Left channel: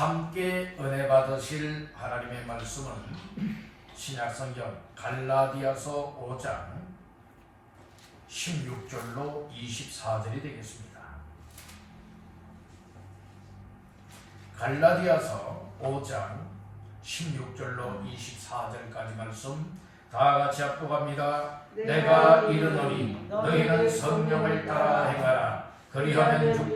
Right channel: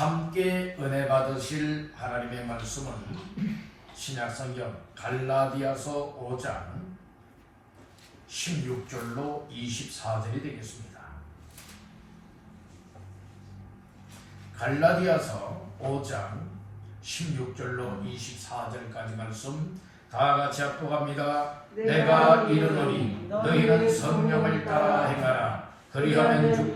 함께 은혜 받으실 하나님의 말씀은 신약성경 갈라디아서 5장 16절로 24절이 되겠습니다. 갈라디아서 5장 16절로 24절까지 말씀 다 같이 합독합니다. 내가 이르노니 너희는 성령을 따라 행하라. 그리하면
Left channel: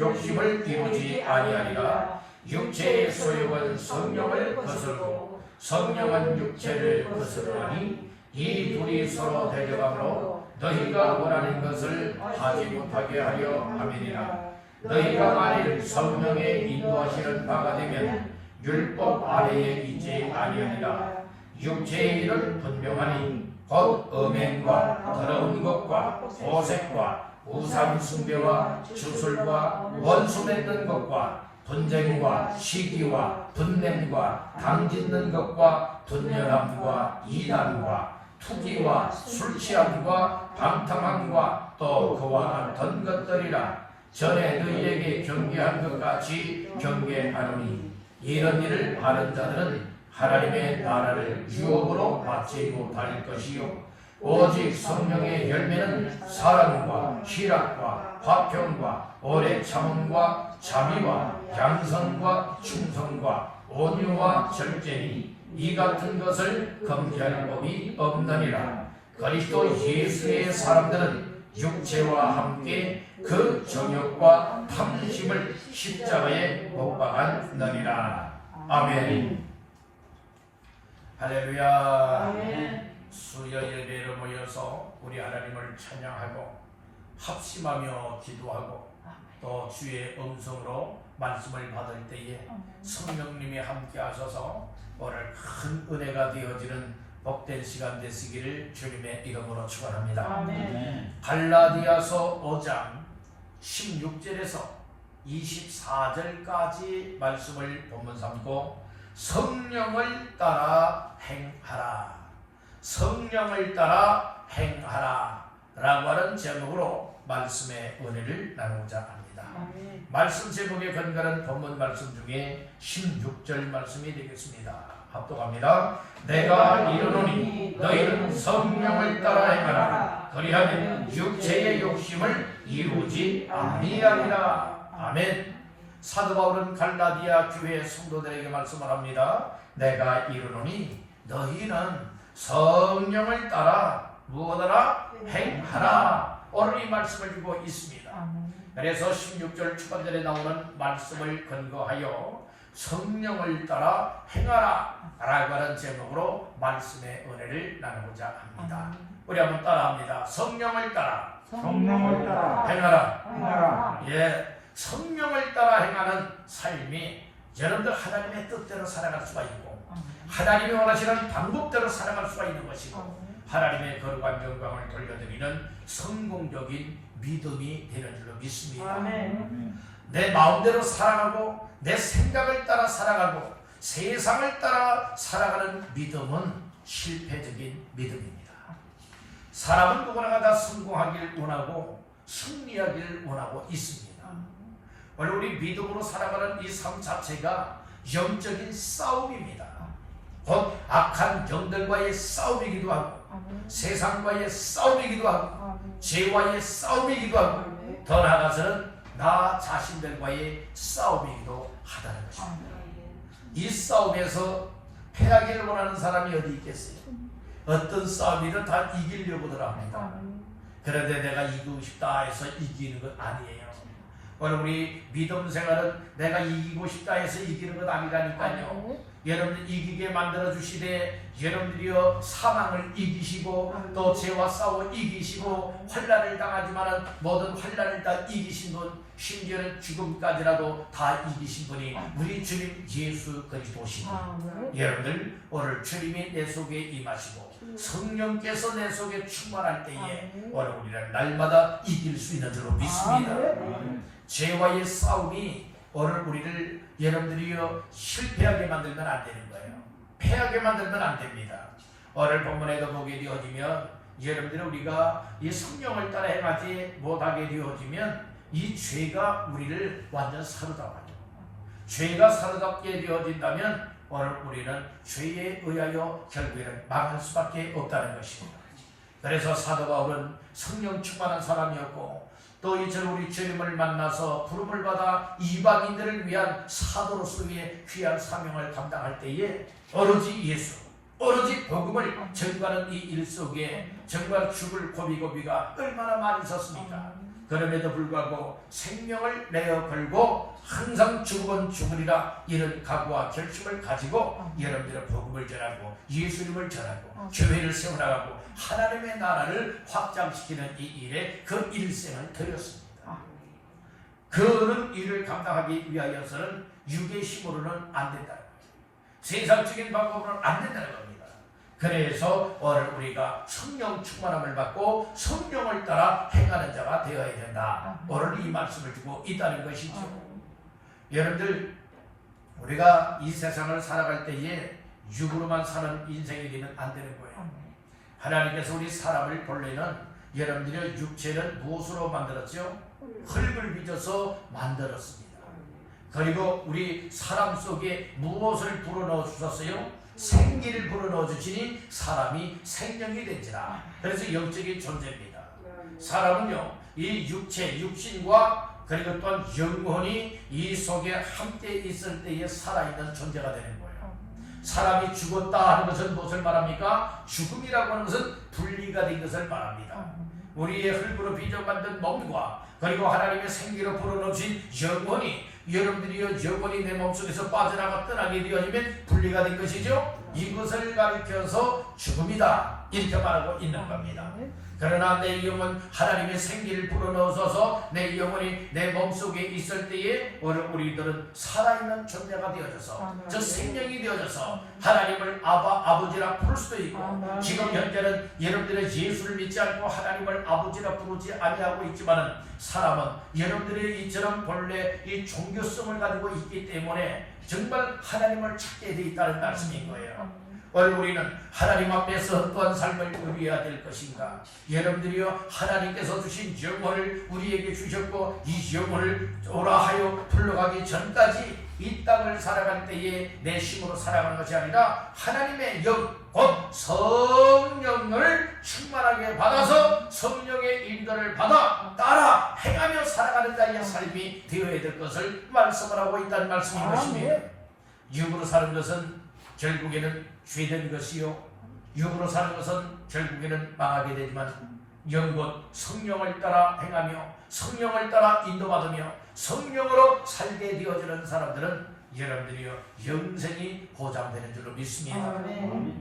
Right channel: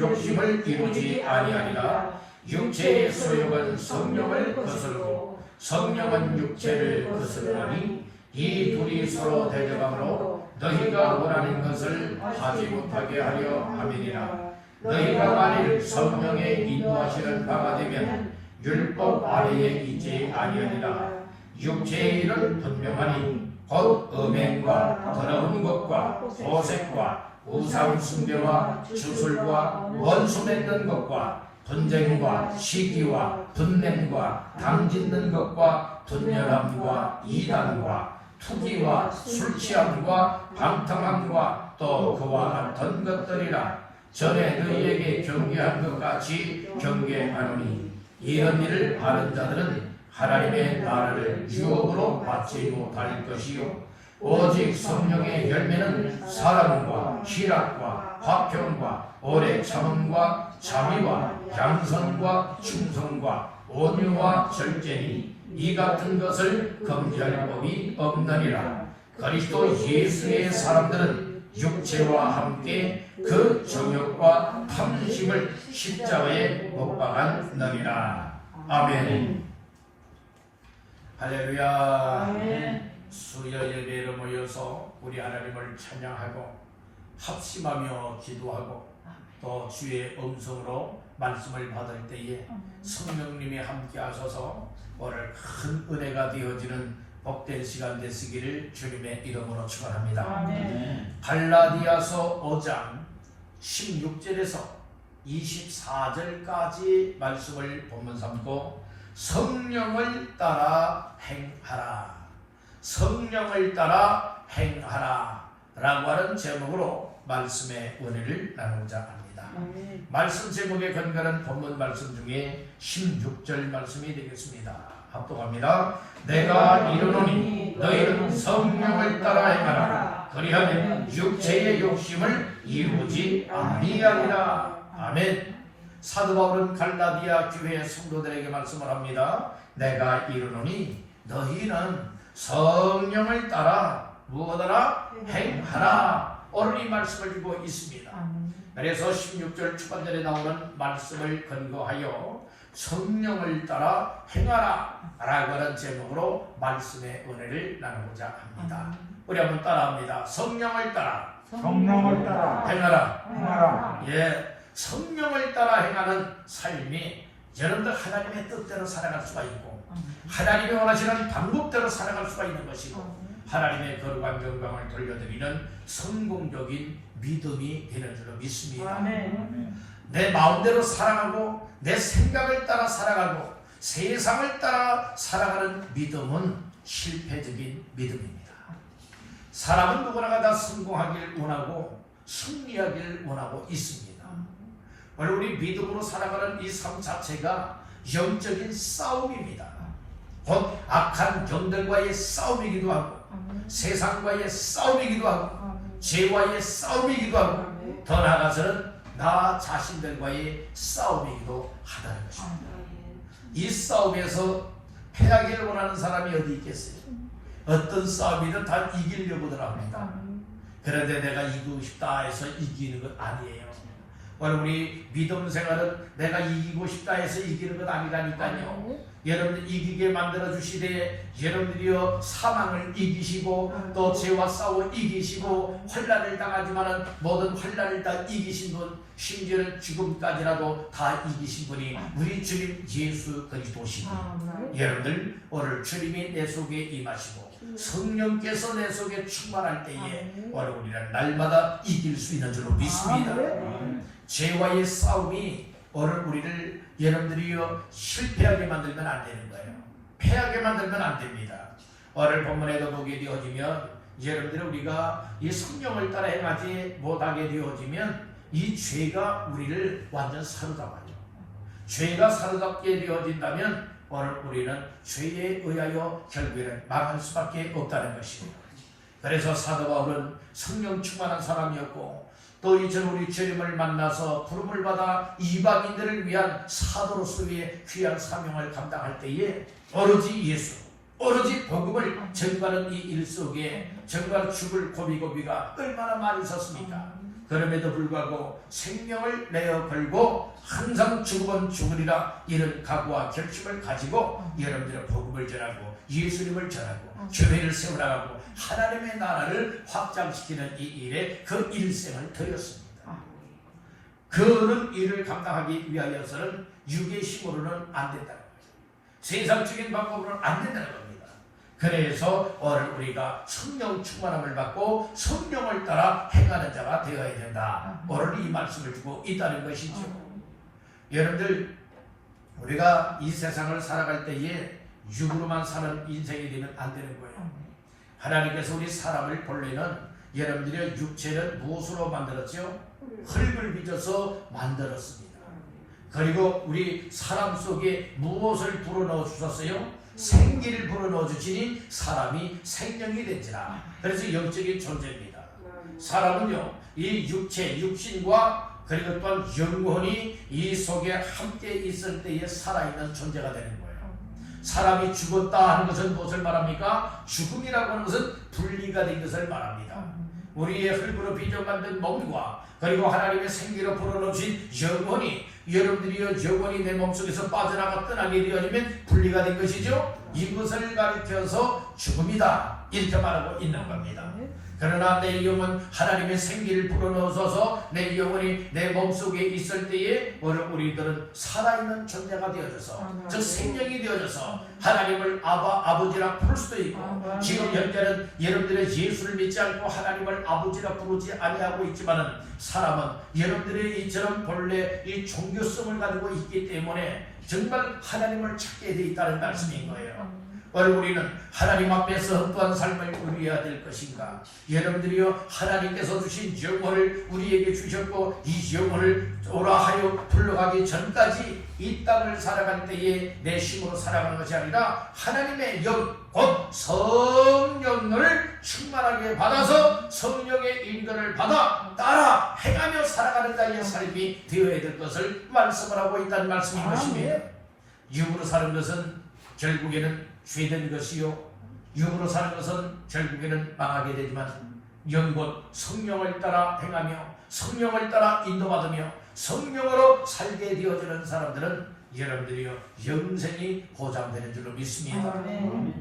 욕심을 이루지 아니하리라. 육체의 소욕은 성령을 거스르고 성령은 육체를 거스르나니 이 둘이 서로 대적함으로 너희가 원하는 것을 하지 못하게 하려 함이니라. 너희가 만일 성령의 인도하시는 바가 되면 율법 아래에 있지 아니하리라. 육체의 일은 분명하니 곧 음행과 더러운 것과 도색과 우상 숭배와 주술과 원수 맺는 것과 분쟁과 시기와 분냄과 당짓는 것과 분열함과 이단과 투기와 술 취함과 방탕함과 또 그와 같은 것들이라. 전에 너희에게 경계한 것 같이 경계하노니 이런 일을 하는 자들은 하나님의 나라를 유혹으로 받지 못할 것이요 오직 성령의 열매는 사랑과 희락과 화평과 오래 참음과 자비와 양선과 충성과 온유와 절제니 이 같은 것을 금지할 법이 없느니라. 그리스도 예수의 사람들은 육체와 함께 그 정욕과 탐심을 십자가에 못 박았느니라. 아멘. 할렐루야. 아멘. 수요 예배로 모여서 우리 하나님을 찬양하고 합심하며 기도하고 또 주의 음성으로 말씀을 받을 때에 성령님이 함께 하셔서 오늘 큰 은혜가 되어지는 복된 시간 되시기를 주님의 이름으로 축원합니다. 아멘. 갈라디아서 5장 16절에서 24절까지 말씀을 본문 삼고 성령을 따라 행하라. 성령을 따라 행하라 라고 하는 제목으로 말씀의 은혜를 나누고자 합니다. 말씀 제목에 근거한 본문 말씀 중에 16절 말씀이 되겠습니다. 합독합니다. 내가 이르노니 너희는 성령을 따라 행하라. 그리하면 육체의 욕심을 이루지 아니하리라. 아멘. 사도 바울은 갈라디아 교회 성도들에게 말씀을 합니다. 내가 이르노니 너희는 성령을 따라 무엇하라? 행하라. 오늘 이 말씀을 주고 있습니다. 그래서 16절 초반절에 나오는 말씀을 근거하여 성령을 따라 행하라 라고 하는 제목으로 말씀의 은혜를 나누고자 합니다. 우리 한번 따라합니다. 성령을 따라 행하라. 예, 성령을 따라 행하는 삶이 여러분들 하나님의 뜻대로 살아갈 수가 있고 하나님이 원하시는 방법대로 살아갈 수가 있는 것이고 하나님의 거룩한 영광을 돌려드리는 성공적인 믿음이 되는 줄로 믿습니다. 내 마음대로 살아가고 내 생각을 따라 살아가고 세상을 따라 살아가는 믿음은 실패적인 믿음입니다. 사람은 누구나 다 성공하길 원하고 승리하길 원하고 있습니다. 오늘 우리 믿음으로 살아가는 이 삶 자체가 영적인 싸움입니다. 곧 악한 영들과의 싸움이기도 하고 세상과의 싸움이기도 하고 죄와의 싸움이기도 하고 더 나아가서는 나 자신들과의 싸움이기도 하다는 것입니다. 이 싸움에서 패하기를 원하는 사람이 어디 있겠어요? 어떤 싸움이든 다 이기려고들 합니다. 그런데 내가 이기고 싶다 해서 이기는 것 아니에요. 오늘 우리 믿음 생활은 내가 이기고 싶다 해서 이기는 것 아니라니까요. 여러분들 이기게 만들어 주시되 여러분들이여 사망을 이기시고 또 죄와 싸워 이기시고 환난을 당하지만은 모든 환난을 다 이기신 분, 심지어는 지금까지라도 다 이기신 분이 우리 주님 예수 그리스도시니 여러분들 오늘 주님이 내 속에 임하시고 성령께서 내 속에 충만할 때에 오늘 우리는 날마다 이길 수 있는 줄로 믿습니다. 죄와의 싸움이 오늘 우리를 여러분들이요 실패하게 만들면 안 되는 거예요. 패하게 만들면 안 됩니다. 오늘 본문에도 보게 되어지면 여러분들 우리가 이 성령을 따라 행하지 못하게 되어지면 이 죄가 우리를 완전 사로잡아요. 죄가 사로잡게 되어진다면 오늘 우리는 죄에 의하여 결국에는 망할 수밖에 없다는 것입니다. 그래서 사도 바울은 성령 충만한 사람이었고 또 이처럼 우리 주님을 만나서 부름을 받아 이방인들을 위한 사도로서의 귀한 사명을 감당할 때에 오로지 예수, 오로지 복음을 전가하는 이 일 속에 정말 죽을 고비고비가 얼마나 많이 있었습니까? 그럼에도 불구하고 생명을 내어 걸고 항상 죽으면 죽으리라 이런 각오와 결심을 가지고 여러분들의 복음을 전하고 예수님을 전하고 교회를 세워나가고 하나님의 나라를 확장시키는 이 일에 그 일생을 드렸습니다. 그런 일을 감당하기 위하여서는 육의 힘으로는 안 된다는 거예요. 세상적인 방법으로는 안 된다는 겁니다. 그래서 오늘 우리가 성령 충만함을 받고 성령을 따라 행하는 자가 되어야 된다. 오늘 이 말씀을 주고 있다는 것이죠. 여러분들 우리가 이 세상을 살아갈 때에 육으로만 사는 인생이 되면 안 되는 거예요. 하나님께서 우리 사람을 본래는 여러분들의 육체를 무엇으로 만들었죠? 흙을 빚어서 만들었습니다. 그리고 우리 사람 속에 무엇을 불어넣어 주셨어요? 생기를 불어넣어 주시니 사람이 생명이 된지라. 그래서 영적인 존재입니다. 사람은요 이 육체, 육신과 그리고 또한 영혼이 이 속에 함께 있을 때에 살아있는 존재가 되는 거예요. 사람이 죽었다 하는 것은 무엇을 말합니까? 죽음이라고 하는 것은 분리가 된 것을 말합니다. 우리의 흙으로 빚어 만든 몸과 그리고 하나님의 생기로 불어넣으신 영혼이 여러분들이 영혼이 내 몸속에서 빠져나가 떠나게 되어지면 분리가 된 것이죠. 이것을 가리켜서 죽음이다 이렇게 말하고 있는 겁니다. 그러나 내 영혼 하나님의 생기를 불어넣어서 내 영혼이 내 몸속에 있을 때에 우리들은 살아있는 존재가 되어져서 저 생명이 되어져서 하나님을 아버지라 부를 수도 있고 지금 현재는 여러분들의 예수를 믿지 않고 하나님을 아버지라 부르지 아니하고 있지만은 사람은 여러분들의 이처럼 본래 이 종교성을 가지고 있기 때문에 정말 하나님을 찾게 되어 있다는 말씀인 거예요. 오늘 우리는 하나님 앞에서 어떠한 삶을 누려야 될 것인가? 여러분들이요 하나님께서 주신 영혼을 우리에게 주셨고 이 영혼을 오라 하여 불러가기 전까지 이 땅을 살아갈 때에 내 힘으로 살아가는 것이 아니라 하나님의 영, 곧 성령을 충만하게 받아서 성령의 인도를 받아 따라 행하며 살아가는 자의 삶이 되어야 될 것을 말씀을 하고 있다는 말씀인 것입니다. 육으로 사는 것은 결국에는 죄된 것이요 육으로 사는 것은 결국에는 망하게 되지만 영곧 성령을 따라 행하며 성령을 따라 인도받으며 성령으로 살게 되어지는 사람들은 여러분들이요 영생이 보장되는 줄로 믿습니다.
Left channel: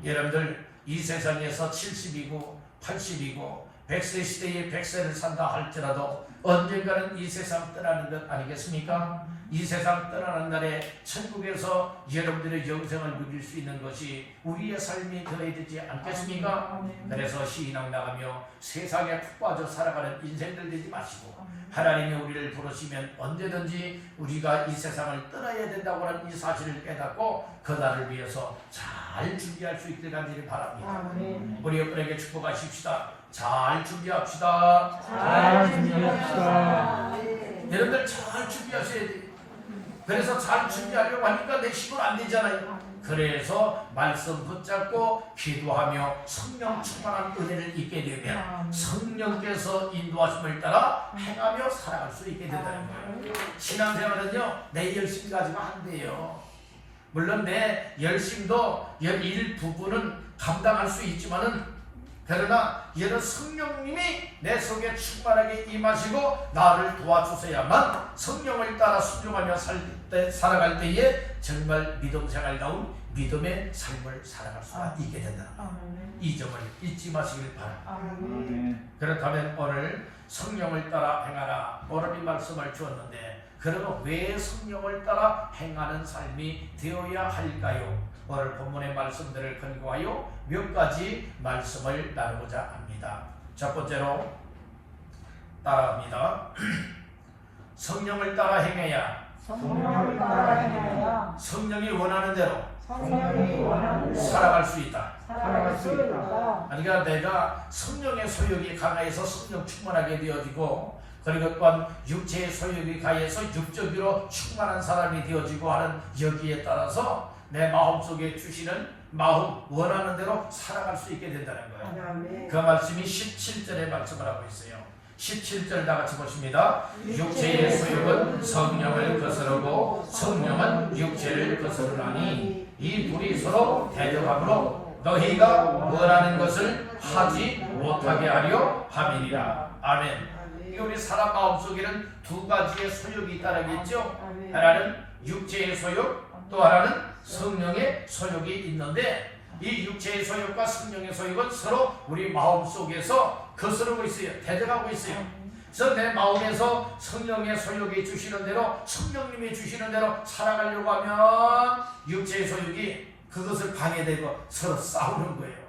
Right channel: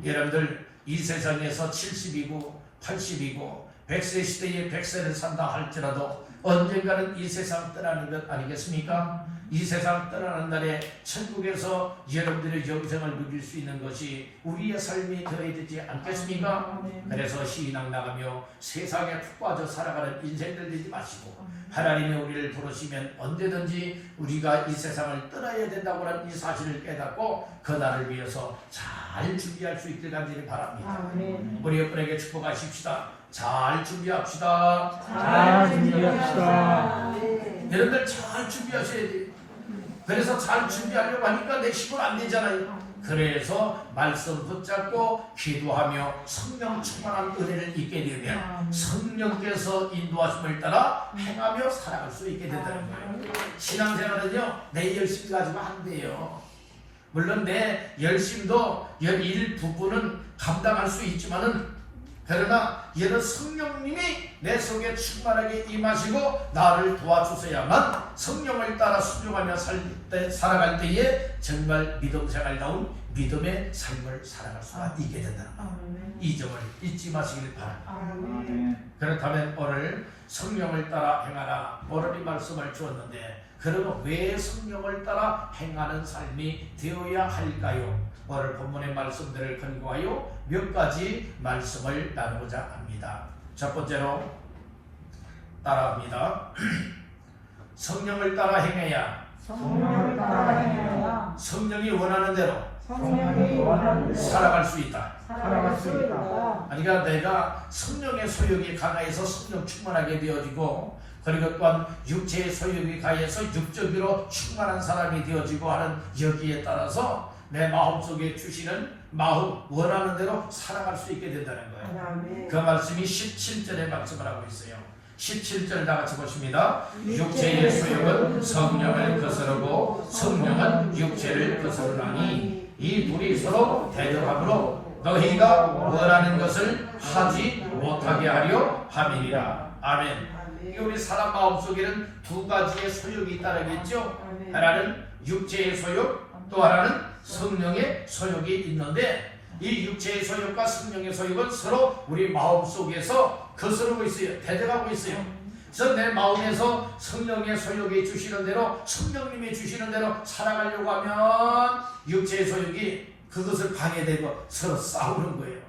여러분들 이 세상에서 70이고 80이고 100세 시대에 100세를 산다 할지라도 언젠가는 이 세상 떠나는 것 아니겠습니까? 이 세상 떠나는 날에 천국에서 여러분들의 영생을 누릴 수 있는 것이 우리의 삶이 되어야 되지 않겠습니까? 그래서 시인왕 나가며 세상에 푹 빠져 살아가는 인생들 되지 마시고 하나님이 우리를 부르시면 언제든지 우리가 이 세상을 떠나야 된다고 하는 이 사실을 깨닫고 그 날을 위해서 잘 준비할 수 있길 간절히 바랍니다. 우리 여러분에게 축복하십시다. 잘 준비합시다. 잘 준비합시다. 여러분들 잘 준비하셔야 돼요. 그래서 잘 준비하려고 하니까 내 힘은 안 되잖아요. 그래서 말씀 붙잡고 기도하며 성령 충만한 은혜를 입게 되면 성령께서 인도하심을 따라 행하며 살아갈 수 있게 된다는 거예요. 신앙생활은요 내 열심 가지고 안 돼요. 물론 내 열심도 일부분은 감당할 수 있지만은 그러나 얘는 성령님이 내 속에 충만하게 임하시고 나를 도와주셔야만 성령을 따라 순종하며 살아갈 때에 정말 믿음생활다운 믿음의 삶을 살아갈 수가 있게 된다는 거예요. 이 점을 잊지 마시길 바랍니다. 그렇다면 오늘 성령을 따라 행하라 오늘 이 말씀을 주었는데 그러면 왜 성령을 따라 행하는 삶이 되어야 할까요? 오늘 본문의 말씀들을 근거하여 몇 가지 말씀을 나누고자 합니다. 첫 번째로 따라합니다. 성령을 따라 행해야 성령이 원하는 대로 살아갈 수 있다. 그러니까 내가 성령의 소욕이 강하여서 성령 충만하게 되어지고 그리고 또한 육체의 소욕이 가해서 육적으로 충만한 사람이 되어지고 하는 여기에 따라서 내 마음속에 주시는 마음 원하는 대로 살아갈 수 있게 된다는 거예요. 그 말씀이 17절에 말씀을 하고 있어요. 17절 다 같이 보십니다. 육체의 소욕은 성령을 거스르고 성령은 육체를 거스르나니 이 둘이 서로 대적함으로 너희가 원하는 것을 하지 못하게 하려 함이니라. 아멘. 우리 사람 마음속에는 두 가지의 소욕이 있다는 게 있죠. 하나는 육체의 소욕, 또 하나는 성령의 소욕이 있는데 이 육체의 소욕과 성령의 소욕은 서로 우리 마음속에서 거스르고 있어요. 대적하고 있어요. 그래서 내 마음에서 성령의 소욕이 주시는 대로 성령님이 주시는 대로 살아가려고 하면 육체의 소욕이 그것을 방해되고 서로 싸우는 거예요.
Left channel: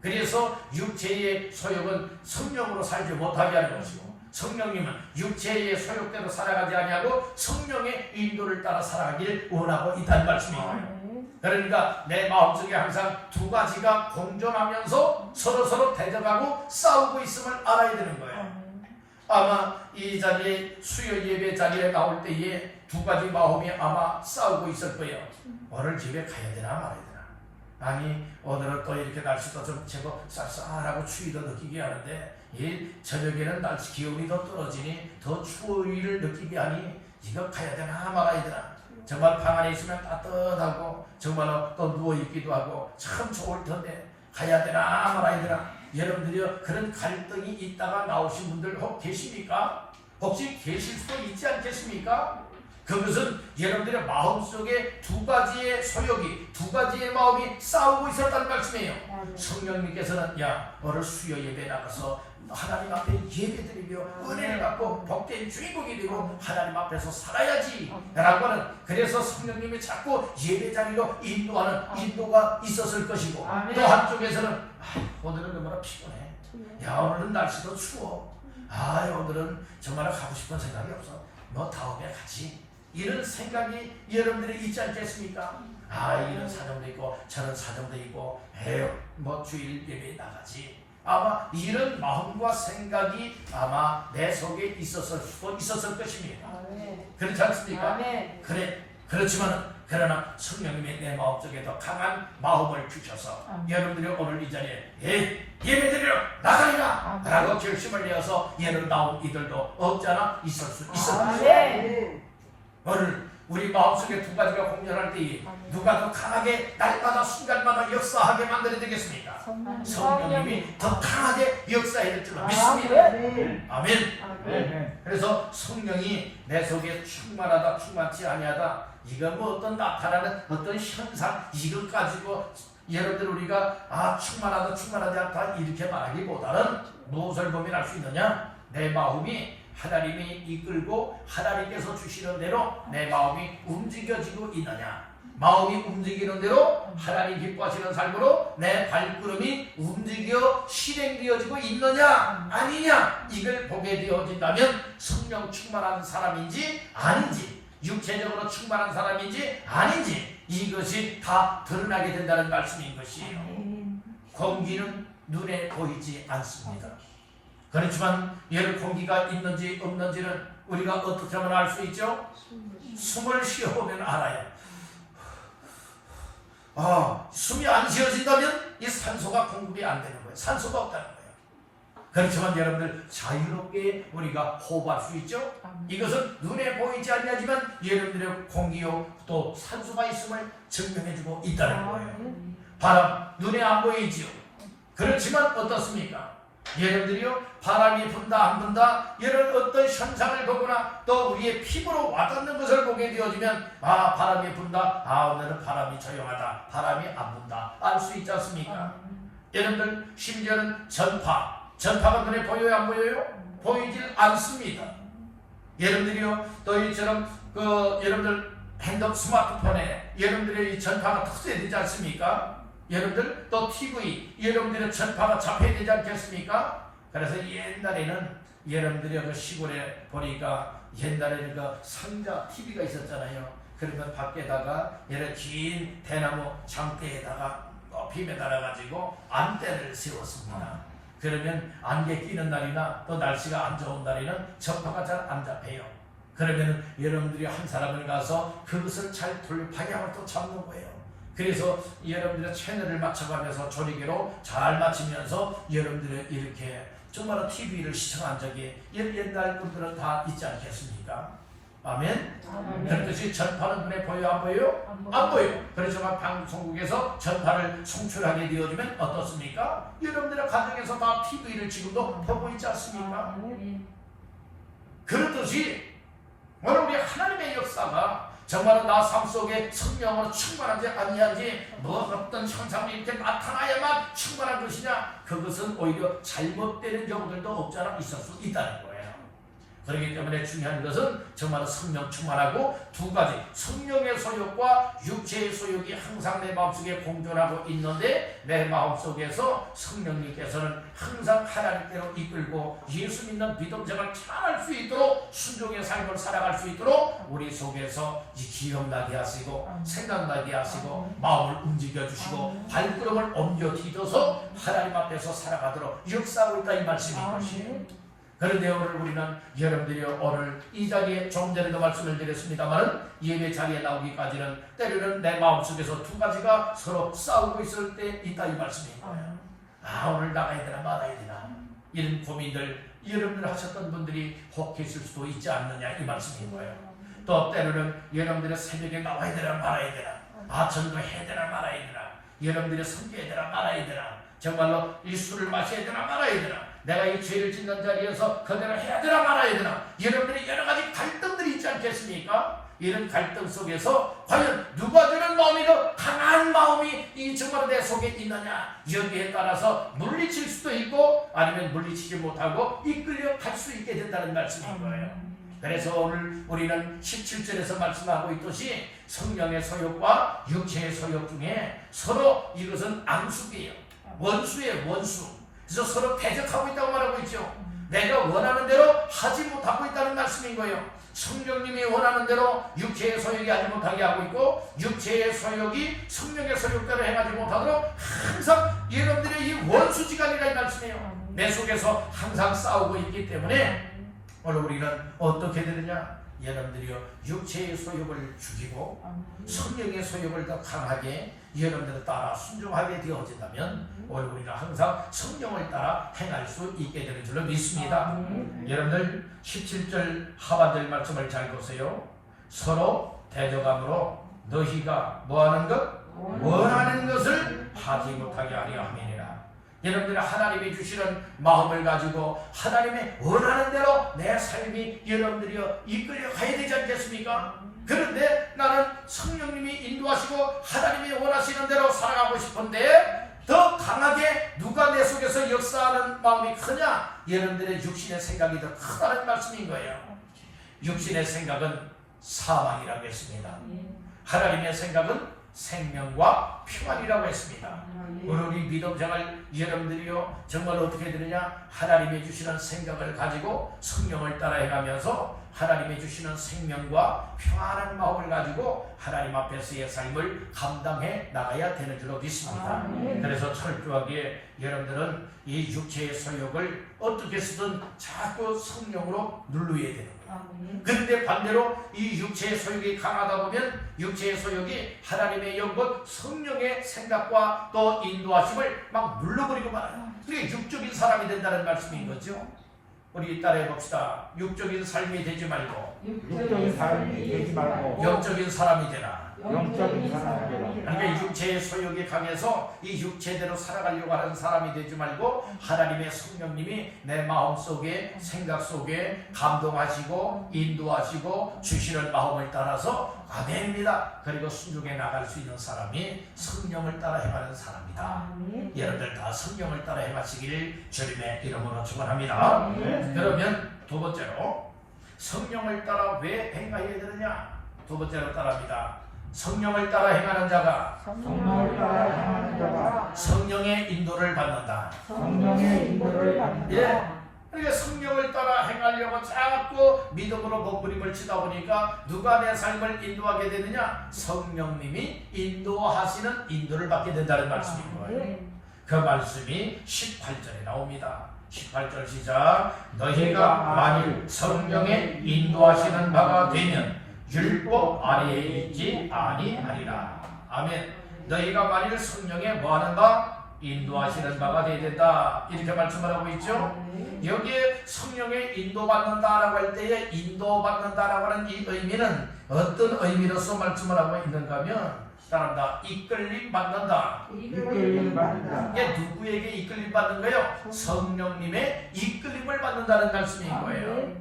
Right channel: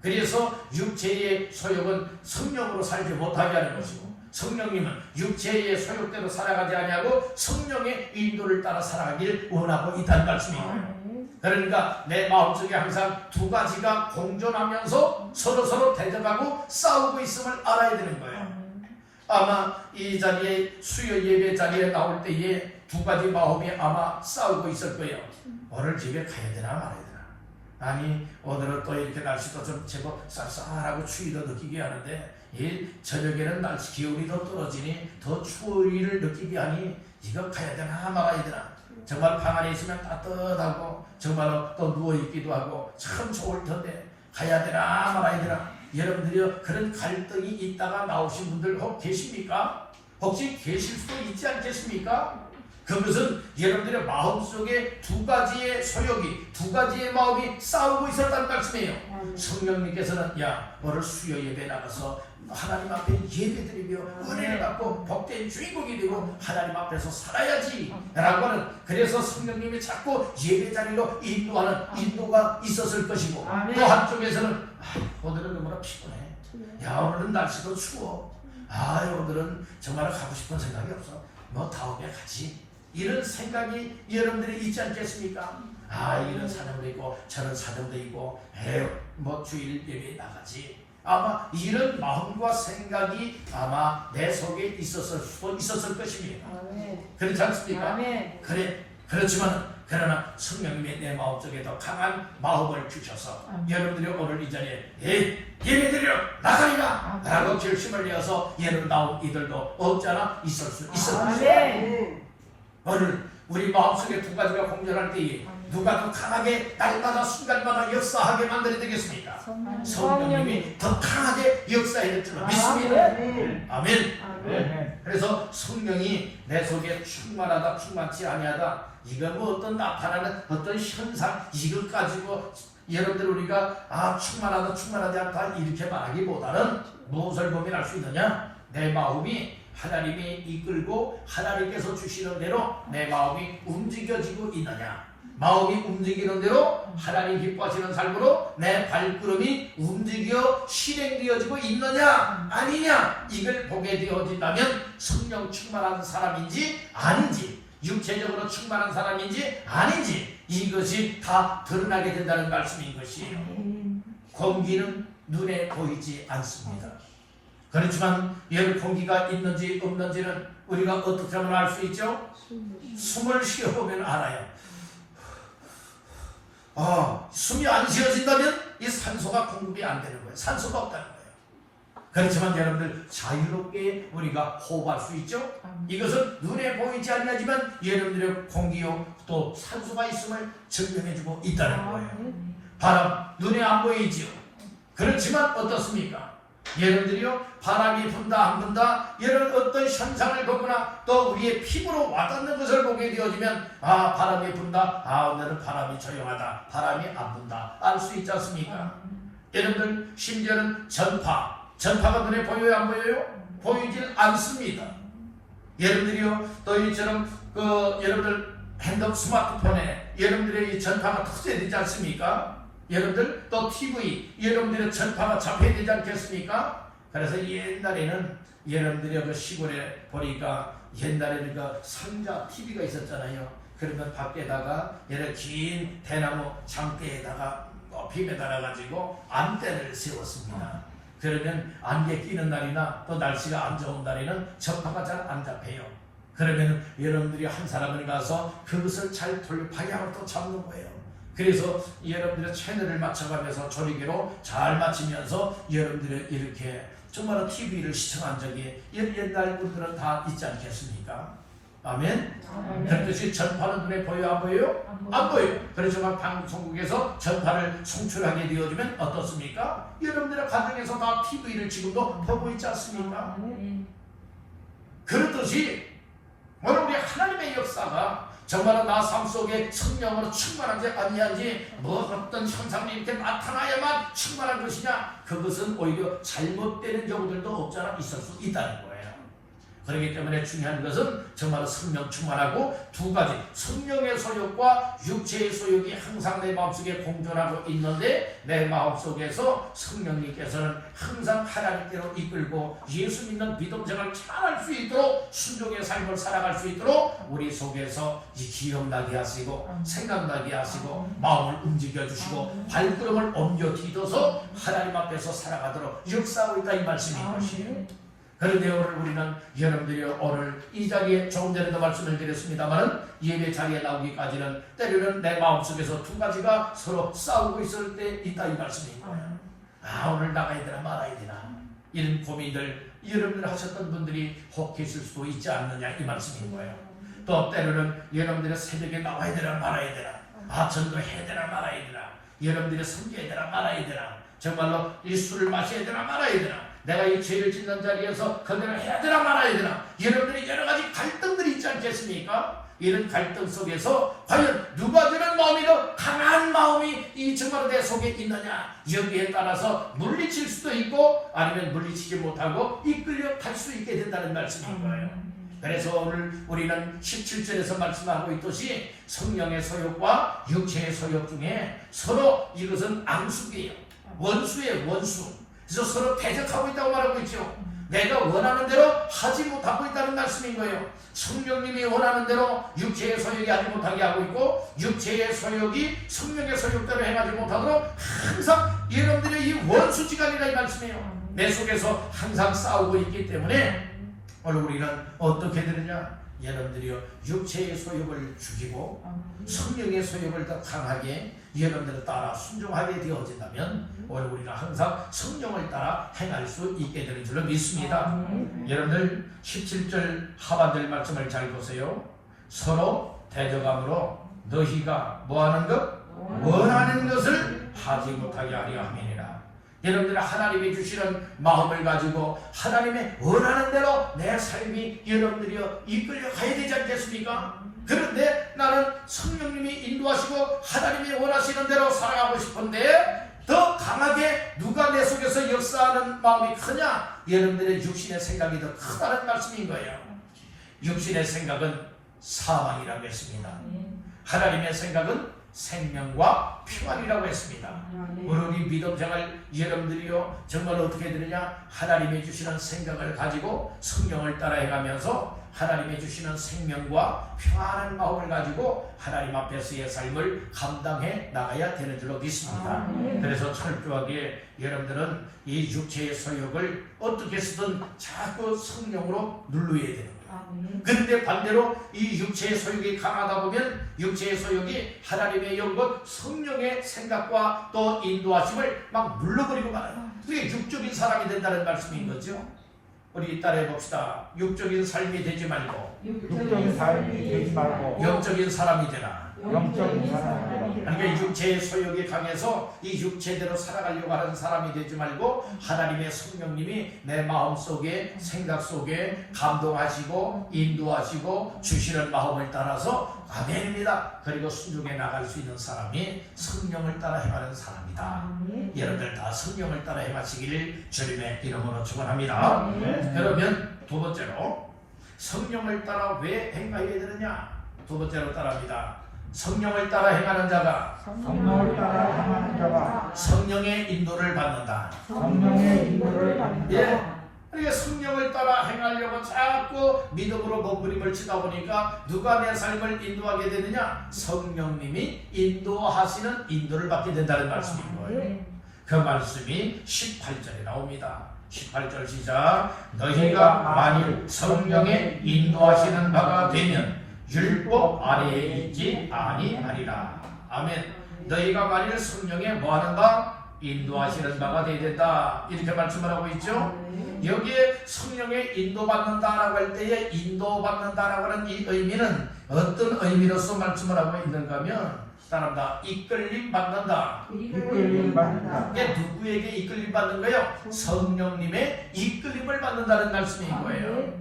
그래서 육체의 소욕은 성령으로 살지 못하게 하는 것이고 성령님은 육체의 소욕대로 살아가지 아니하고 성령의 인도를 따라 살아가길 원하고 있다는 말씀이에요. 그러니까 내 마음속에 항상 두 가지가 공존하면서 서로 대적하고 싸우고 있음을 알아야 되는 거예요. 아마 이 자리에 수요 예배 자리에 나올 때에 두 가지 마음이 아마 싸우고 있을 거예요. 오늘 집에 가야 되나 말아야 되나. 아니 오늘은 또 이렇게 날씨도 좀 제법 쌀쌀하고 추위도 느끼게 하는데 이 저녁에는 날씨 기온이 더 떨어지니 더 추위를 느끼게 하니 이거 가야 되나 말아야 되나. 정말 방 안에 있으면 따뜻하고 정말 또 누워있기도 하고 참 좋을 텐데 가야 되나 말아야 되나. 여러분들이 그런 갈등이 있다가 나오신 분들 혹 계십니까? 혹시 계실 수도 있지 않겠습니까? 그것은 여러분들의 마음속에 두 가지의 소욕이 두 가지의 마음이 싸우고 있었다는 말씀이에요. 성령님께서는 야 오늘 수요 예배 나가서 하나님 앞에 예배드리며 은혜를 받고 복된 주인공이 되고 하나님 앞에서 살아야지 라고 하는, 그래서 성령님이 자꾸 예배자리로 인도하는 인도가 있었을 것이고 또 한쪽에서는 오늘은 너무나 피곤해, 야 오늘은 날씨도 추워, 오늘은 정말 가고 싶은 생각이 없어, 너 다음에 가지, 이런 생각이 여러분들이 있지 않겠습니까? 이런 사정도 있고 저런 사정도 있고 뭐 주일 예배에 나가지. 아마 이런 마음과 생각이 아마 내 속에 있었을 수도 있었을 것입니다. 그렇지 않습니까? 그렇지만 그러나 성령님이 내 마음속에 더 강한 마음을 주셔서 여러분들이 오늘 이 자리에 예배드리러 나가리라 라고 결심을 내어서 예를 나온 이들도 없잖아 있을 수 있습니다. 오늘 우리 마음속에 두 가지가 공존할 때에 누가 더 강하게 날마다 순간마다 역사하게 만들어야 되겠습니까? 성령님이 더 강하게 역사해야 될 줄로 믿습니다. 아멘. 그래서 성령이 내 속에 충만하다 충만치 아니하다, 이거 뭐 어떤 나타나는 어떤 현상 이걸 가지고 여러분들 우리가 충만하다 충만하지 않다 이렇게 말하기보다는 무엇을 보면 알 수 있느냐, 내 마음이 하나님이 이끌고 하나님께서 주시는 대로 내 마음이 움직여지고 있느냐, 마음이 움직이는 대로 하나님 기뻐하시는 삶으로 내 발걸음이 움직여 실행되어지고 있느냐 아니냐, 이걸 보게 되어진다면 성령 충만한 사람인지 아닌지, 육체적으로 충만한 사람인지 아닌지 이것이 다 드러나게 된다는 말씀인 것이에요. 공기는 눈에 보이지 않습니다. 그렇지만 열 공기가 있는지 없는지는 우리가 어떻게 하면 알 수 있죠? 숨을 쉬어보면 알아요. 숨이 안 쉬어진다면 이 산소가 공급이 안 되는 거예요. 산소가 없다는 거예요. 그렇지만 여러분들 자유롭게 우리가 호흡할 수 있죠? 이것은 눈에 보이지 않지만 여러분들의 공기요 또 산소가 있음을 증명해주고 있다는 거예요. 바람 눈에 안 보이지요. 그렇지만 어떻습니까? 여러분들이요 바람이 분다 안 분다 이런 어떤 현상을 보거나 또 우리의 피부로 와닿는 것을 보게 되어지면 바람이 분다, 오늘은 바람이 조용하다, 바람이 안 분다 알 수 있지 않습니까? 여러분들 심지어는 전파가 눈에 보여요 안 보여요? 보이질 않습니다. 여러분들이요 또 이처럼 여러분들 핸드폰 스마트폰에 여러분들의 이 전파가 터져야 되지 않습니까? 여러분들 또 TV 여러분들의 전파가 잡혀야 되지 않겠습니까? 그래서 옛날에는 여러분들이 그 시골에 보니까 옛날에는 그 상자 TV가 있었잖아요. 그러면 밖에다가 이런 긴 대나무 장대에다가 높이 매달아 가지고 안대를 세웠습니다. 그러면 안개 끼는 날이나 또 날씨가 안 좋은 날에는 전파가 잘 안 잡혀요. 그러면 여러분들이 한 사람을 가서 그것을 잘 돌려 방향을 또 잡는 거예요. 그래서 여러분들의 채널을 맞춰가면서 조리기로 잘 맞추면서 여러분들이 이렇게 정말 TV를 시청한 적이 옛날 분들은 다 있지 않겠습니까? 아멘? 그렇듯이 전파는 눈에 보여 안 보여요? 안 보여요. 그래서 방송국에서 전파를 송출하게 되어지면 어떻습니까? 여러분들의 가정에서 다 TV를 지금도 보고 있지 않습니까? 그렇듯이 오늘 우리 하나님의 역사가 정말 나 삶 속에 성령으로 충만한지 아니한지 뭐 어떤 현상이 이렇게 나타나야만 충만한 것이냐, 그것은 오히려 잘못되는 경우들도 없지 않아 있을 수 있다는 거예요. 그렇기 때문에 중요한 것은 정말 성령 충만하고 두 가지, 성령의 소욕과 육체의 소욕이 항상 내 마음속에 공존하고 있는데, 내 마음속에서 성령님께서는 항상 하나님께로 이끌고 예수 믿는 믿음생활을 잘할 수 있도록, 순종의 삶을 살아갈 수 있도록 우리 속에서 기억나게 하시고 생각나게 하시고 마음을 움직여 주시고 발걸음을 옮겨 디뎌서 하나님 앞에서 살아가도록 역사하고 있다, 이 말씀인 것이에요. 그런데 오늘 우리는 여러분들이 오늘 이 자리에 조금 전에도 말씀을 드렸습니다만은 예배 자리에 나오기까지는 때로는 내 마음속에서 두 가지가 서로 싸우고 있을 때 있다, 이 말씀인 거예요. 아, 오늘 나가야 되나 말아야 되나, 이런 고민들 여러분들 하셨던 분들이 혹 계실 수도 있지 않느냐, 이 말씀인 거예요. 또 때로는 여러분들의 새벽에 나와야 되나 말아야 되나, 아, 전도해야 되나 말아야 되나, 여러분들의 섬겨야 되나 말아야 되나, 정말로 이 술을 마셔야 되나 말아야 되나, 내가 이 죄를 짓는 자리에서 그대로 해야 되나 말아야 되나, 여러분들의 여러 가지 갈등들이 있지 않겠습니까? 이런 갈등 속에서 과연 누가 되는 마음이 더 강한 마음이 이 정말 내 속에 있느냐, 여기에 따라서 물리칠 수도 있고 아니면 물리치지 못하고 이끌려 갈 수 있게 된다는 말씀인 거예요. 그래서 오늘 우리는 17절에서 말씀하고 있듯이 성령의 소욕과 육체의 소욕 중에 서로 이것은 앙숙이에요. 원수예요, 원수. 그래서 서로 대적하고 있다고 말하고 있죠. 내가 원하는 대로 하지 못하고 있다는 말씀인 거예요. 성령님이 원하는 대로 육체의 소욕이 하지 못하게 하고 있고, 육체의 소욕이 성령의 소욕대로 행하지 못하도록 항상 여러분들의 이 원수지간이라, 이 말씀이에요. 내 속에서 항상 싸우고 있기 때문에 오늘 우리는 어떻게 되느냐, 여러분들이요 육체의 소욕을 죽이고 성령의 소욕을 더 강하게 여러분들을 따라 순종하게 되어진다면 오늘 우리는 항상 성령을 따라 행할 수 있게 되는 줄로 믿습니다. 여러분들 17절 하반절 말씀을 잘 보세요. 서로 대적함으로 너희가 뭐하는 것? 원하는 것을 하지 못하게 하려 함이니라. 여러분들이 하나님이 주시는 마음을 가지고 하나님의 원하는 대로 내 삶이 여러분들이요 이끌려 가야 되지 않겠습니까? 그런데 나는 성령님이 인도하시고 하나님이 원하시는 대로 살아가고 싶은데 더 강하게 누가 내 속에서 역사하는 마음이 크냐? 여러분들의 육신의 생각이 더 크다는 말씀인 거예요. 육신의 생각은 사망이라고 했습니다. 하나님의 생각은 생명과 평안이라고 했습니다. 우리 믿음생활 여러분들이요 정말 어떻게 되느냐, 하나님이 주시는 생각을 가지고 성령을 따라 해가면서 하나님이 주시는 생명과 평안한 마음을 가지고 하나님 앞에서의 삶을 감당해 나가야 되는 줄로 믿습니다. 그래서 철저하게 여러분들은 이 육체의 소욕을 어떻게 쓰든 자꾸 성령으로 눌러야 되는 거예요. 그런데 반대로 이 육체의 소욕이 강하다 보면 육체의 소욕이 하나님의 영과 성령의 생각과 또 인도하심을 막 눌러버리고 말아요. 그게 육적인 사람이 된다는 말씀인 거죠. 우리 따라해 봅시다. 육적인 삶이 되지 말고 영적인 사람이 되라. 그러니까 육체의 소욕이 강해서 이 육체대로 살아가려고 하는 사람이 되지 말고 하나님의 성령님이 내 마음속에 생각 속에 감동하시고 인도하시고 주시는 마음을 따라서 아멘입니다. 그리고 순종해 나갈 수 있는 사람이 성령을 따라 행하는 사람이다. 여러분들 다 성령을 따라 행하시기를 주님의 이름으로 축원합니다. 그러면 두 번째로 성령을 따라 왜 행하여야 되느냐? 두 번째로 따라합니다. 성령을 따라 행하는 자가 성령의 인도를 받는다. 예. 그러니까 성령을 따라 행하려고 자꾸 믿음으로 몸부림을 치다 보니까 누가 내 삶을 인도하게 되느냐? 성령님이 인도하시는 인도를 받게 된다는 말씀인 거예요. 그 말씀이 18절에 나옵니다. 18절 시작. 너희가 만일 성령의 인도하시는 바가 되면 율법 아래에 있지 아니하리라. 아멘. 너희가 만일 성령의 뭐하는가? 인도하시는 바가 되어야 된다. 이렇게 말씀을 하고 있죠. 여기에 성령의 인도받는다라고 할 때에 인도받는다라고 하는 이 의미는 어떤 의미로서 말씀을 하고 있는가 하면 따라합니다. 이끌림 받는다. 이끌림을 받는다. 이게 누구에게 이끌림 받는 거예요? 성령님의 이끌림을 받는다는 말씀인 거예요.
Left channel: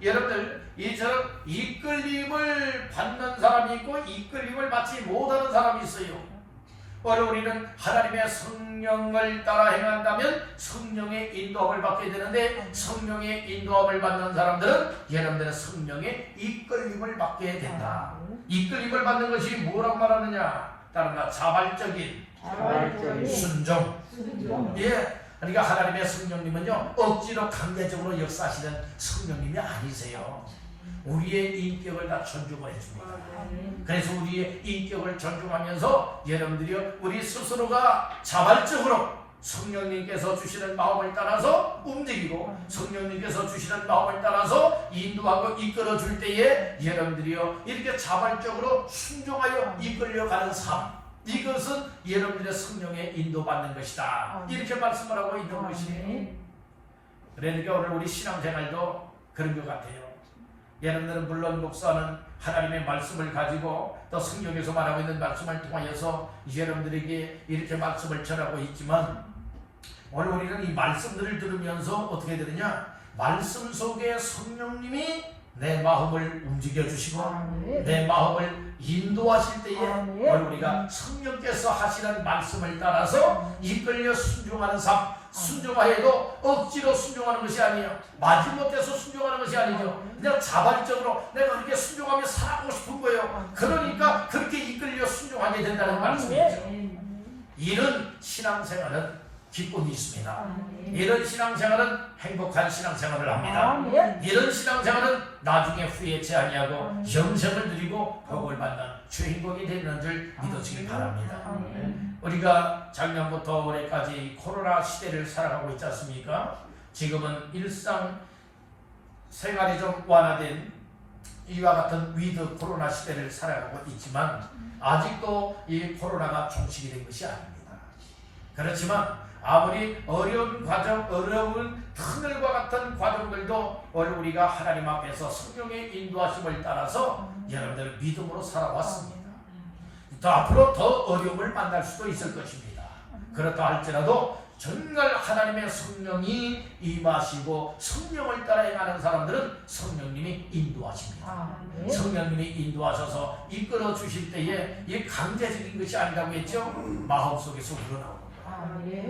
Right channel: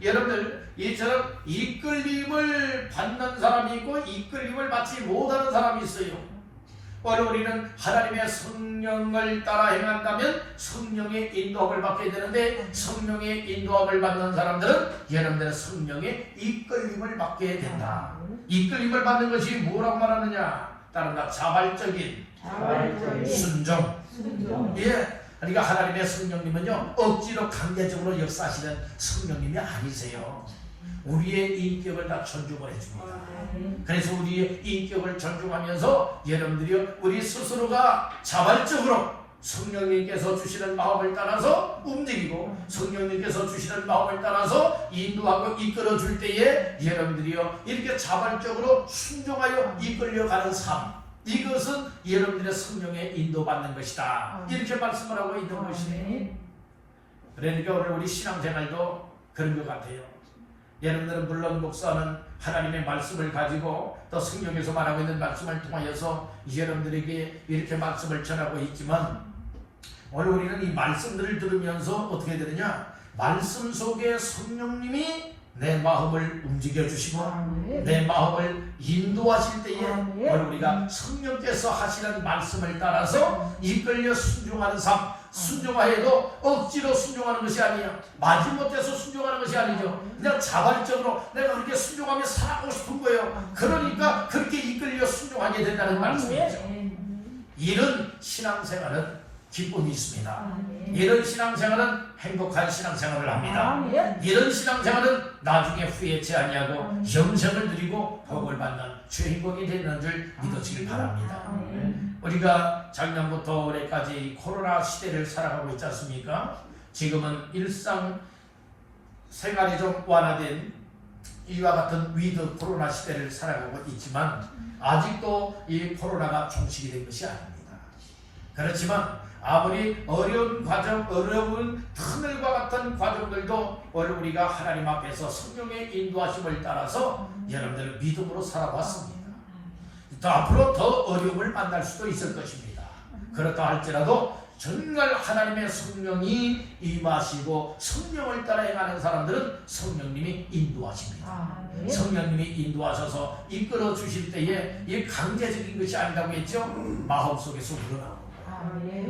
여러분들 이처럼 이끌림을 받는 사람이 있고 이끌림을 받지 못하는 사람이 있어요. 오늘 우리는 하나님의 성령을 따라 행한다면 성령의 인도함을 받게 되는데 성령의 인도함을 받는 사람들은 여러분들의 성령의 이끌림을 받게 된다. 이끌림을 받는 것이 뭐라고 말하느냐? 따라가 자발적인 순종. 예. 그러니까 하나님의 성령님은요 억지로 강제적으로 역사하시는 성령님이 아니세요. 우리의 인격을 다 존중을 해줍니다. 그래서 우리의 인격을 존중하면서 여러분들이 우리 스스로가 자발적으로 성령님께서 주시는 마음을 따라서 움직이고 성령님께서 주시는 마음을 따라서 인도하고 이끌어 줄 때에 여러분들이요 이렇게 자발적으로 순종하여 이끌려가는 삶, 이것은 여러분들의 성령의 인도받는 것이다. 이렇게 말씀을 하고 있는 것이에요. 그러니까 오늘 우리 신앙생활도 그런 것 같아요. 여러분들은 물론 목사는 하나님의 말씀을 가지고 또 성경에서 말하고 있는 말씀을 통하여서 여러분들에게 이렇게 말씀을 전하고 있지만 오늘 우리는 이 말씀들을 들으면서 어떻게 되느냐? 말씀 속에 성령님이 내 마음을 움직여 주시고 내 마음을 인도하실 때에 오늘 우리가 성령께서 하시는 말씀을 따라서 이끌려 순종하는 삶, 순종하여도 억지로 순종하는 것이 아니에요. 마지못해서 순종하는 것이 아니죠. 그냥 자발적으로 내가 그렇게 순종하며 살아가고 싶은 거예요. 그러니까 그렇게 이끌려 순종하게 된다는 말씀이죠. 이런 신앙생활은 기쁨이 있습니다. 이런 신앙생활은 행복한 신앙생활을 합니다. 이런 신앙생활은 나중에 후회치 아니하고 영생을 누리고 복을 받는 주인공이 되는 줄 믿으시기 바랍니다. 우리가 작년부터 올해까지 코로나 시대를 살아가고 있지 않습니까? 지금은 일상 생활이 좀 완화된 이와 같은 위드 코로나 시대를 살아가고 있지만 아직도 이 코로나가 종식이 된 것이 아닙니다. 그렇지만 아무리 어려운 과정, 어려운 하늘과 같은 과정들도 오늘 우리가 하나님 앞에서 성령의 인도하심을 따라서 여러분들 믿음으로 살아왔습니다. 또 앞으로 더 어려움을 만날 수도 있을 것입니다. 그렇다 할지라도 정말 하나님의 성령이 임하시고 성령을 따라 행하는 사람들은 성령님이 인도하십니다. 성령님이 인도하셔서 이끌어 주실 때에 이 강제적인 것이 아니라고 했죠. 마음속에서 우러나옵니다.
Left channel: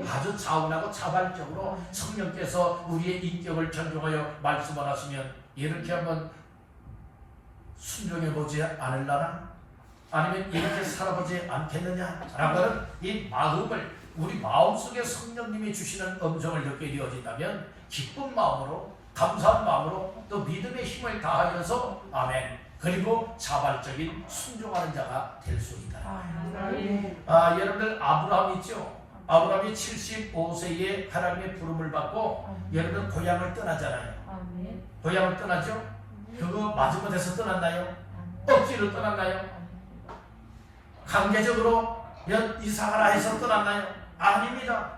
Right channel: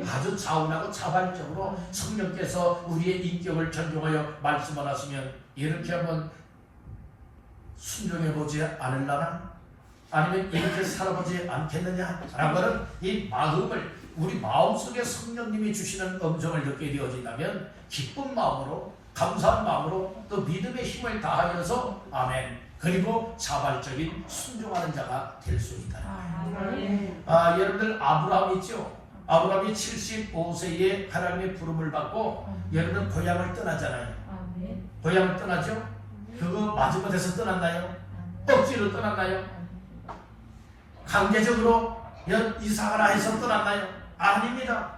아주 차분하고 자발적으로 성령께서 우리의 인격을 존중하여 말씀을 하시면 이렇게 하면 순종해보지 않으려나? 아니면 이렇게 살아보지 않겠느냐? 라고 하는 이 마음을 우리 마음속에 성령님이 주시는 음성을 듣게 되어진다면 기쁜 마음으로 감사한 마음으로 또 믿음의 힘을 다하면서 아멘 그리고 자발적인 순종하는 자가 될 수 있다. 여러분들 아브라함 있죠? 아브라함이 75세에 하나님의 부름을 받고 여러분 고향을 떠나잖아요. 고향을 떠나죠? 그거 마지못해서 떠났나요? 억지로 떠났나요? 강제적으로 이사가라 해서 떠났나요? 아닙니다.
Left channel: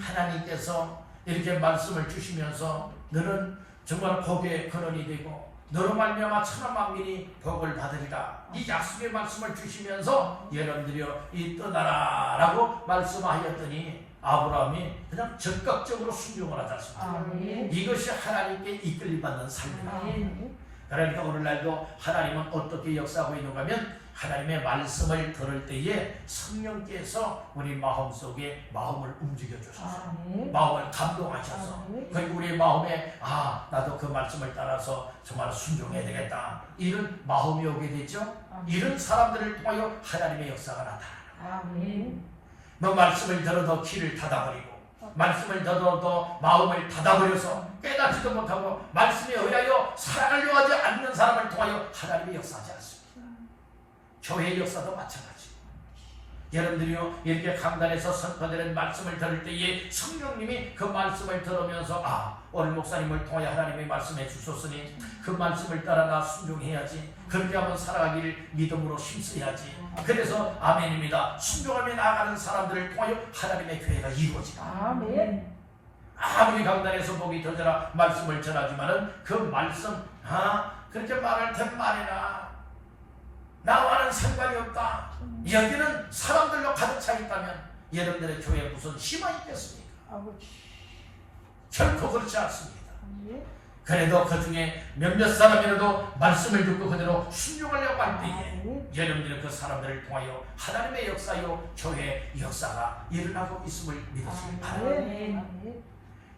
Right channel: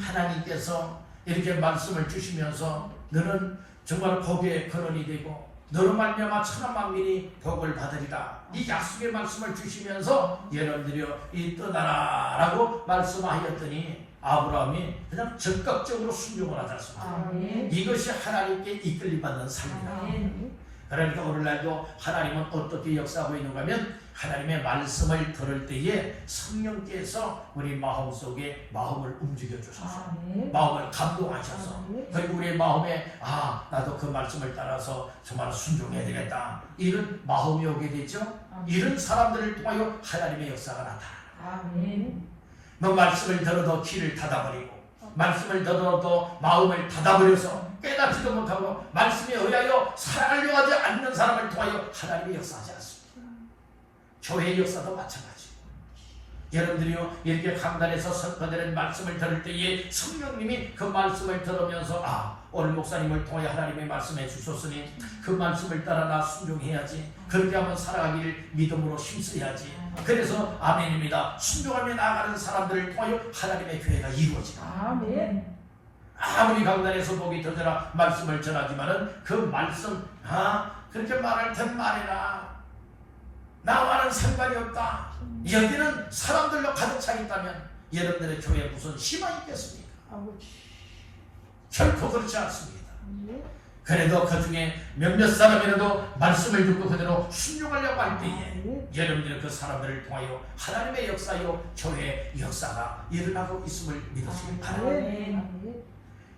하나님께서 이렇게 말씀을 주시면서 너는 정말 복의 근원이 되고 너로 말미암아 천하 만민이 복을 받으리라. 이 약속의 말씀을 주시면서 여러분들이요 이 떠나라라고 말씀하였더니 아브라함이 그냥 적극적으로 순종을 하지 않습니다. 이것이 하나님께 이끌림 받는 삶입니다. 그러니까 오늘날도 하나님은 어떻게 역사하고 있는가 하면 하나님의 말씀을 들을 때에 성령께서 우리 마음속에 마음을 움직여 주셔서 마음을 감동하셔서 그리고 우리의 마음에 나도 그 말씀을 따라서 정말 순종해야 되겠다 이런 마음이 오게 되죠. 이런 사람들을 통하여 하나님의 역사가 나타납니다. 뭐 말씀을 들어도 귀를 닫아버리고 말씀을 들어도 마음을 닫아버려서 깨닫지도 못하고 말씀에 의하여 살아가려 하지 않는 사람을 통하여 하나님의 역사하지 않습니다. 교회의 역사도 마찬가지. 여러분들이요 이렇게 강단에서 선포되는 말씀을 들을 때에 성령님이 그 말씀을 들으면서 오늘 목사님을 통해 하나님의 말씀해 주셨으니 그 말씀을 따라 나 순종해야지. 그렇게 하면 살아가길 믿음으로 힘써야지. 그래서 아멘입니다. 순종하며 나아가는 사람들을 통하여 하나님의 교회가 이루어진다. 아멘. 아무리 강단에서 복이 터져라 말씀을 전하지만은 그 말씀 그렇게 말할 땐 말이나 나와는 상관이 없다. 여기는 사람들로 가득 차 있다면 여러분들의 교회에 무슨 희망이 있겠습니까? 결코 그렇지 않습니다. 그래도 그 중에 몇몇 사람이라도 말씀을 듣고 그대로 순종하려고 할 때에 여러분들은 그 사람들을 통하여 하나님의 역사요 교회의 역사가 일어나고 있음을 믿으시기 바랍니다.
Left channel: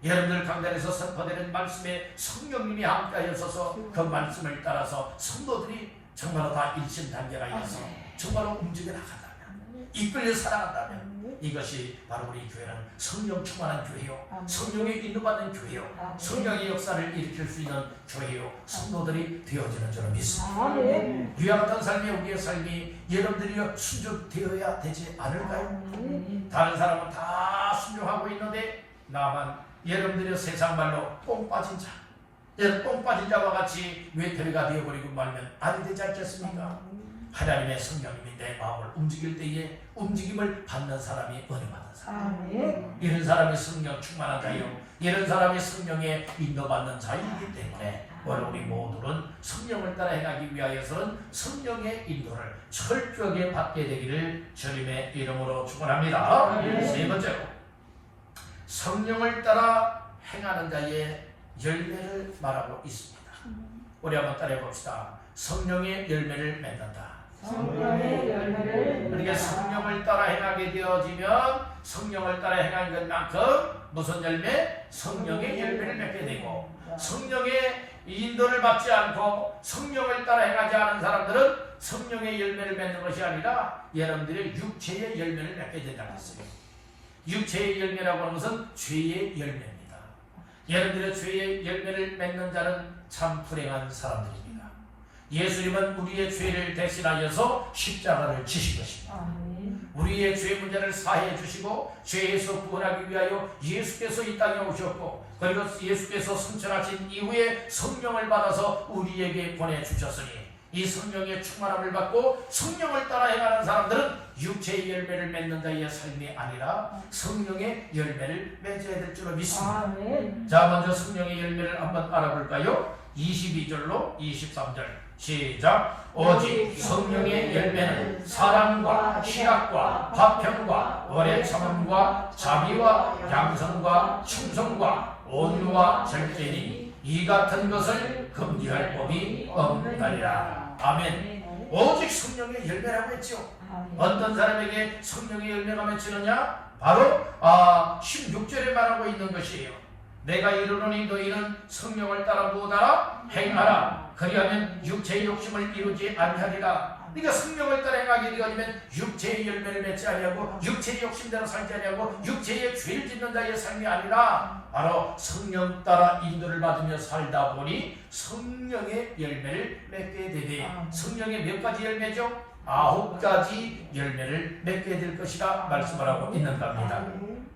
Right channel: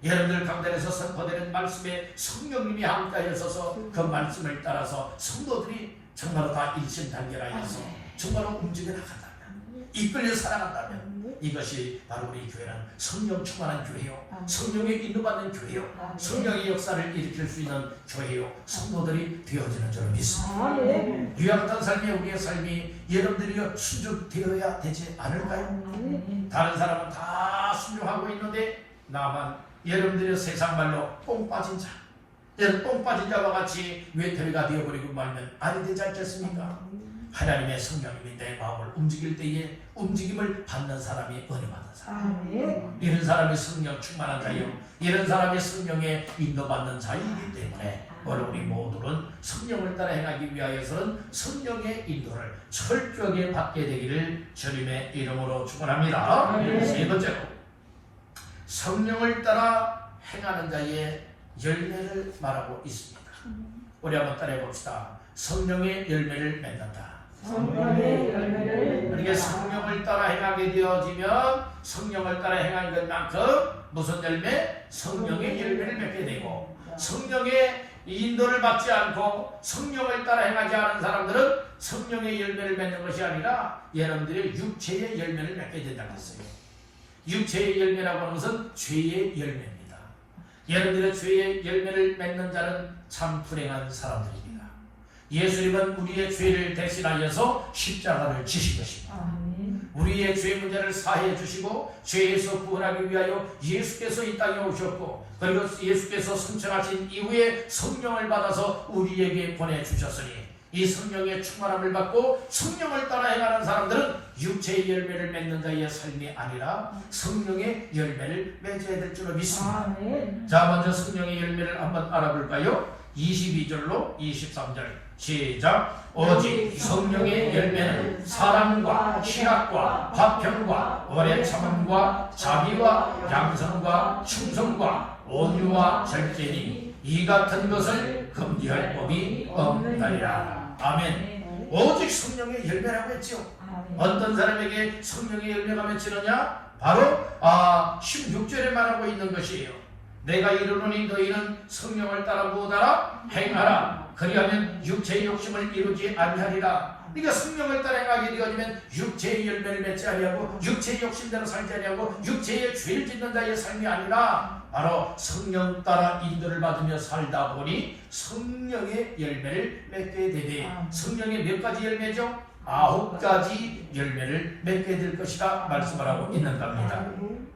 여러분들 강단에서 선포되는 말씀에 성령님이 함께하여 서서 그 말씀을 따라서 성도들이 정말로 다 일심단결하여서 정말로 움직여 나간다면 이끌려 살아간다면 이것이 바로 우리 교회는 성령 충만한 교회요, 성령에 인도받는 교회요, 성령의 역사를 일으킬 수 있는 교회요, 성도들이 되어지는 줄로 믿습니다. 이와 같은 삶이 우리의 삶이 여러분들이 순종되어야 되지 않을까요? 다른 사람은 다 순종하고 있는데 나만 여러분들의 세상 말로 똥 빠진 자, 여러분 똥 빠진 자와 같이 외톨이가 되어버리고 말면 아니 되지 않겠습니까? 하나님의 성령님이 내 마음을 움직일 때에 움직임을 받는 사람이 은혜 받는 사람. 이런 사람이 성령 충만한 자요, 이런 사람이 성령에 인도받는 자이기 때문에 오늘 우리 모두는 성령을 따라 행하기 위하여서는 성령의 인도를 철저하게 받게 되기를 주님의 이름으로 축원합니다. 세 번째로 성령을 따라 행하는 자의 열매를 말하고 있습니다. 우리 한번 따라해 봅시다. 성령의 열매를 맺는다. 성령의 열매를 그렇게 성령을 따라 행하게 되어지면 성령을 따라 행하는 것만큼 무슨 열매? 성령의 열매를 맺게 되고, 성령의 인도를 받지 않고 성령을 따라 행하지 않은 사람들은 성령의 열매를 맺는 것이 아니라 여러분들이 육체의 열매를 맺게 된다는 것이에요. 육체의 열매라고 하는 것은 죄의 열매입니다. 여러분들의 죄의 열매를 맺는 자는 참 불행한 사람들입니다. 예수님은 우리의 죄를 대신하여서 십자가를 지신 것입니다. 우리의 죄 문제를 사해 주시고 죄에서 구원하기 위하여 예수께서 이 땅에 오셨고, 그리고 예수께서 승천하신 이후에 성령을 받아서 우리에게 보내주셨으니 이 성령의 충만함을 받고 성령을 따라 행하는 사람들은 육체의 열매를 맺는 자의 삶이 아니라 성령의 열매를 맺어야 될 줄로 믿습니다. 자, 먼저 성령의 열매를 한번 알아볼까요? 22절로 23절 시작. 오직 성령의 열매는 사랑과 희락과 화평과 오래 참음과 자비와 양선과 충성과 온유와 절제니 이 같은 것을 금지할 법이 없나니라. 아멘. 오직 성령의 열매라고 했죠. 어떤 사람에게 성령의 열매가 맺히느냐? 바로 16절에 말하고 있는 것이에요. 내가 이르노니 너희는 성령을 따라 무엇하라? 행하라. 그리하면 육체의 욕심을 이루지 아니하리라. 네가 성령을 따라 행하게 되면 육체의 열매를 맺지 아니하고 육체의 욕심대로 살지 아니하고 육체의 죄를 짓는 자의 삶이 아니라 바로 성령 따라 인도를 받으며 살다 보니 성령의 열매를 맺게 되네. 성령의 몇 가지 열매죠? 9가지 열매를 맺게 될 것이다 말씀을 하고 있는 겁니다.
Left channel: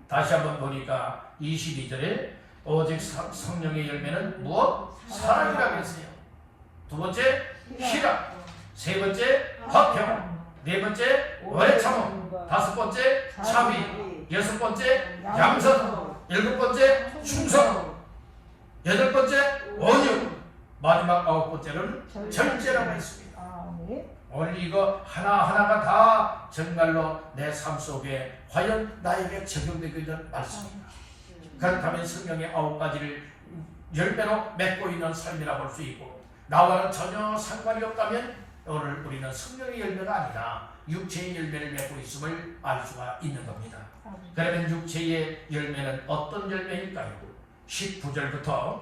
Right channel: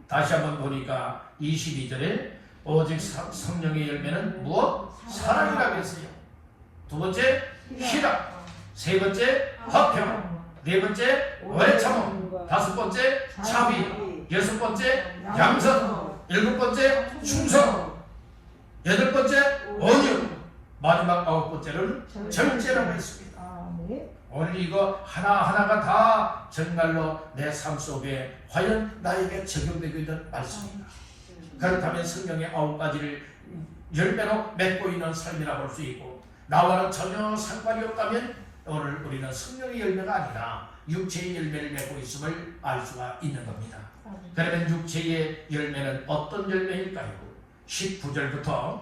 다시 한번 보니까 22절에 오직 성령의 열매는 무엇? 사랑이라고 했어요. 두 번째 희락, 세 번째 화평, 네 번째 오래 참음, 다섯 번째 자비, 여섯 번째 양선, 일곱 번째 충성, 여덟 번째 온유, 마지막 9번째는 절제라고 했습니다. 오늘 이거 하나하나가 다 정말로 내 삶 속에 과연 나에게 적용되고 있는 말씀입니다. 그렇다면 성령의 9가지를 열매로 맺고 있는 삶이라 볼 수 있고, 나와는 전혀 상관이 없다면 오늘 우리는 성령의 열매가 아니라 육체의 열매를 맺고 있음을 알 수가 있는 겁니다. 그러면 육체의 열매는 어떤 열매일까요? 19절부터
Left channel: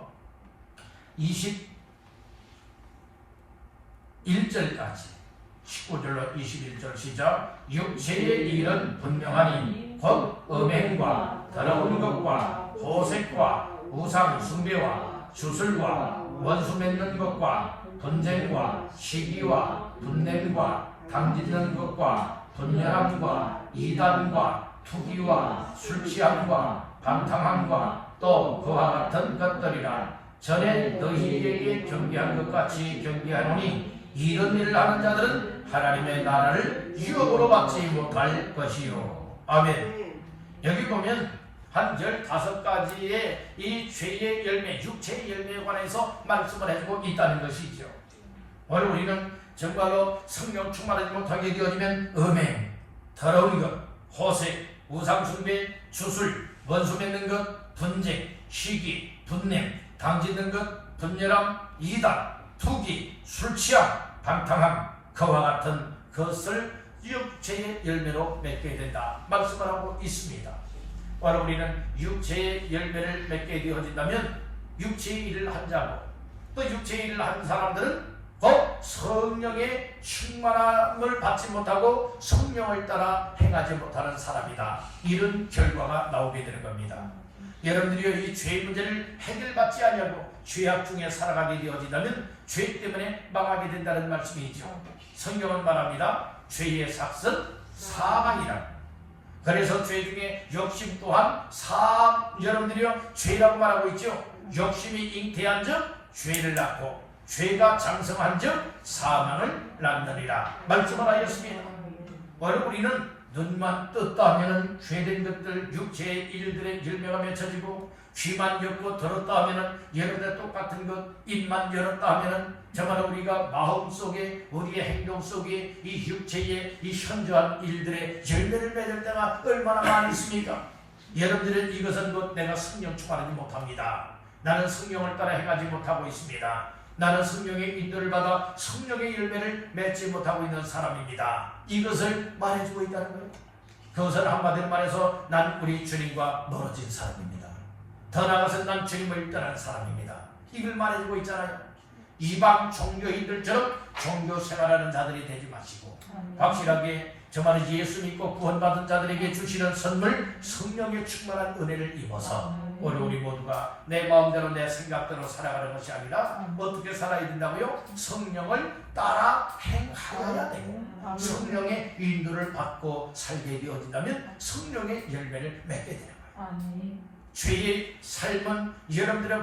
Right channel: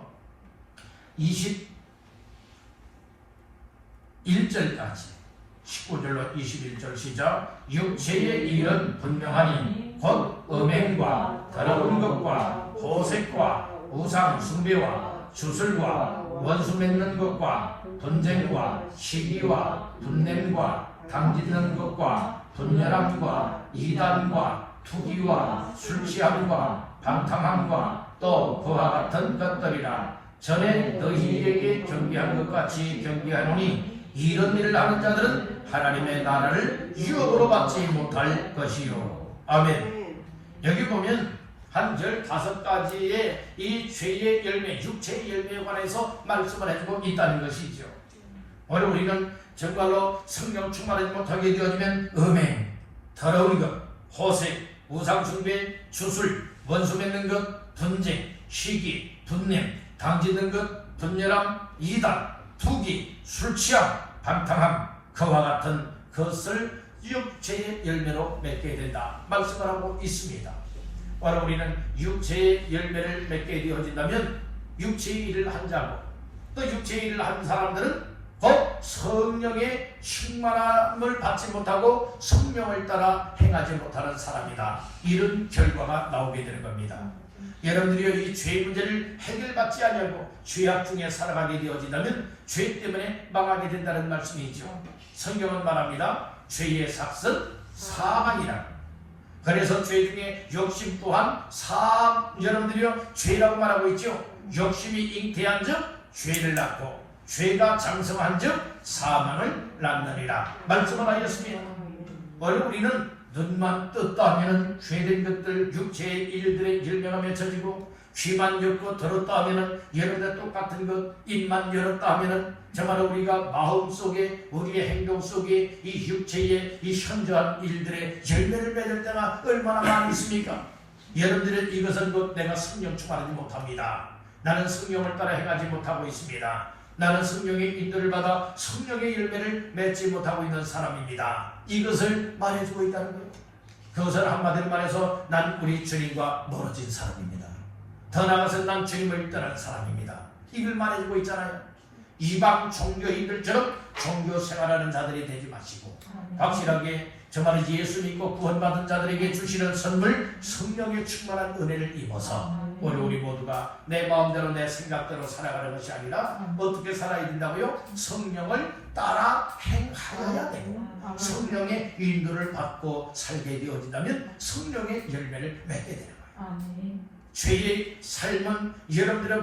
21절까지 19절로 21절 시작. 육체의 일은 분명하니 곧 음행과 더러운 것과 호색과 우상 숭배와 주술과 원수 맺는 것과 분쟁과 시기와 분냄과 당짓는 것과 분열함과 이단과 투기와 술 취함과 방탕함과 또 그와 같은 것들이라 전에 너희에게 경계한 것 같이 경계하노니 이런 일을 하는 자들은 하나님의 나라를 유업으로 받지 못할 것이요. 아멘. 여기 보면 한 15가지의 이 죄의 열매, 육체의 열매에 관해서 말씀을 해주고 있다는 것이죠. 오늘 우리는 정말로 성령 충만하지 못하게 되어지면 음행, 더러운 것, 호색, 우상숭배, 주술, 원수 맺는 것, 분쟁, 시기, 분냄, 당짓는 것, 분열함, 이단, 투기, 술취함, 방탕함, 그와 같은 것을 육체의 열매로 맺게 된다 말씀을 하고 있습니다. 바로 우리는 육체의 열매를 맺게 되어진다면 육체의 일을 한 자고 또 육체의 일을 한 사람들은 곧 성령의 충만함을 받지 못하고 성령을 따라 행하지 못하는 사람이다. 이런 결과가 나오게 되는 겁니다. 여러분들이 이 죄의 문제를 해결받지 않으려고 죄악 중에 살아가게 되어진다면 죄 때문에 망하게 된다는 말씀이죠. 성경은 말합니다. 죄의 삭은 사망이라. 그래서 죄 중에 욕심 또한 여러분들이요 죄라고 말하고 있죠. 욕심이 잉태한 즉 죄를 낳고 죄가 장성한 즉 사망을 낳느니라 말씀을 하였습니다. 오늘 우리는 눈만 떴다 하면 죄된 것들 육체의 일들의 열매가 맺혀지고 귀만 열고 들었다 하면 여러분들 똑같은 것, 입만 열었다 하면 정말 우리가 마음속에 우리의 행동 속에 이 육체의 이 현저한 일들의 열매를 맺을 때가 얼마나 많이 있습니까? 여러분들은 이것은 곧 내가 성령 충만하지 못합니다. 나는 성령을 따라 행하지 못하고 있습니다. 나는 성령의 인도를 받아 성령의 열매를 맺지 못하고 있는 사람입니다. 이것을 말해주고 있다는 거예요. 그것을 한마디로 말해서 난 우리 주님과 멀어진 사람입니다. 더 나아가서 난 주님을 떠난 사람입니다. 이걸 말해주고 있잖아요. 이방 종교인들처럼 종교 생활하는 자들이 되지 마시고 확실하게 정말 예수 믿고 구원받은 자들에게 주시는 선물 성령의 충만한 은혜를 입어서 우리 모두가 내 마음대로 내 생각대로 살아가는 것이 아니라 어떻게 살아야 된다고요? 성령을 따라 행하여야 되고 성령의 인도를 받고 살게 되어진다면 성령의 열매를 맺게 되는 거예요. 죄의 삶은 여러분들의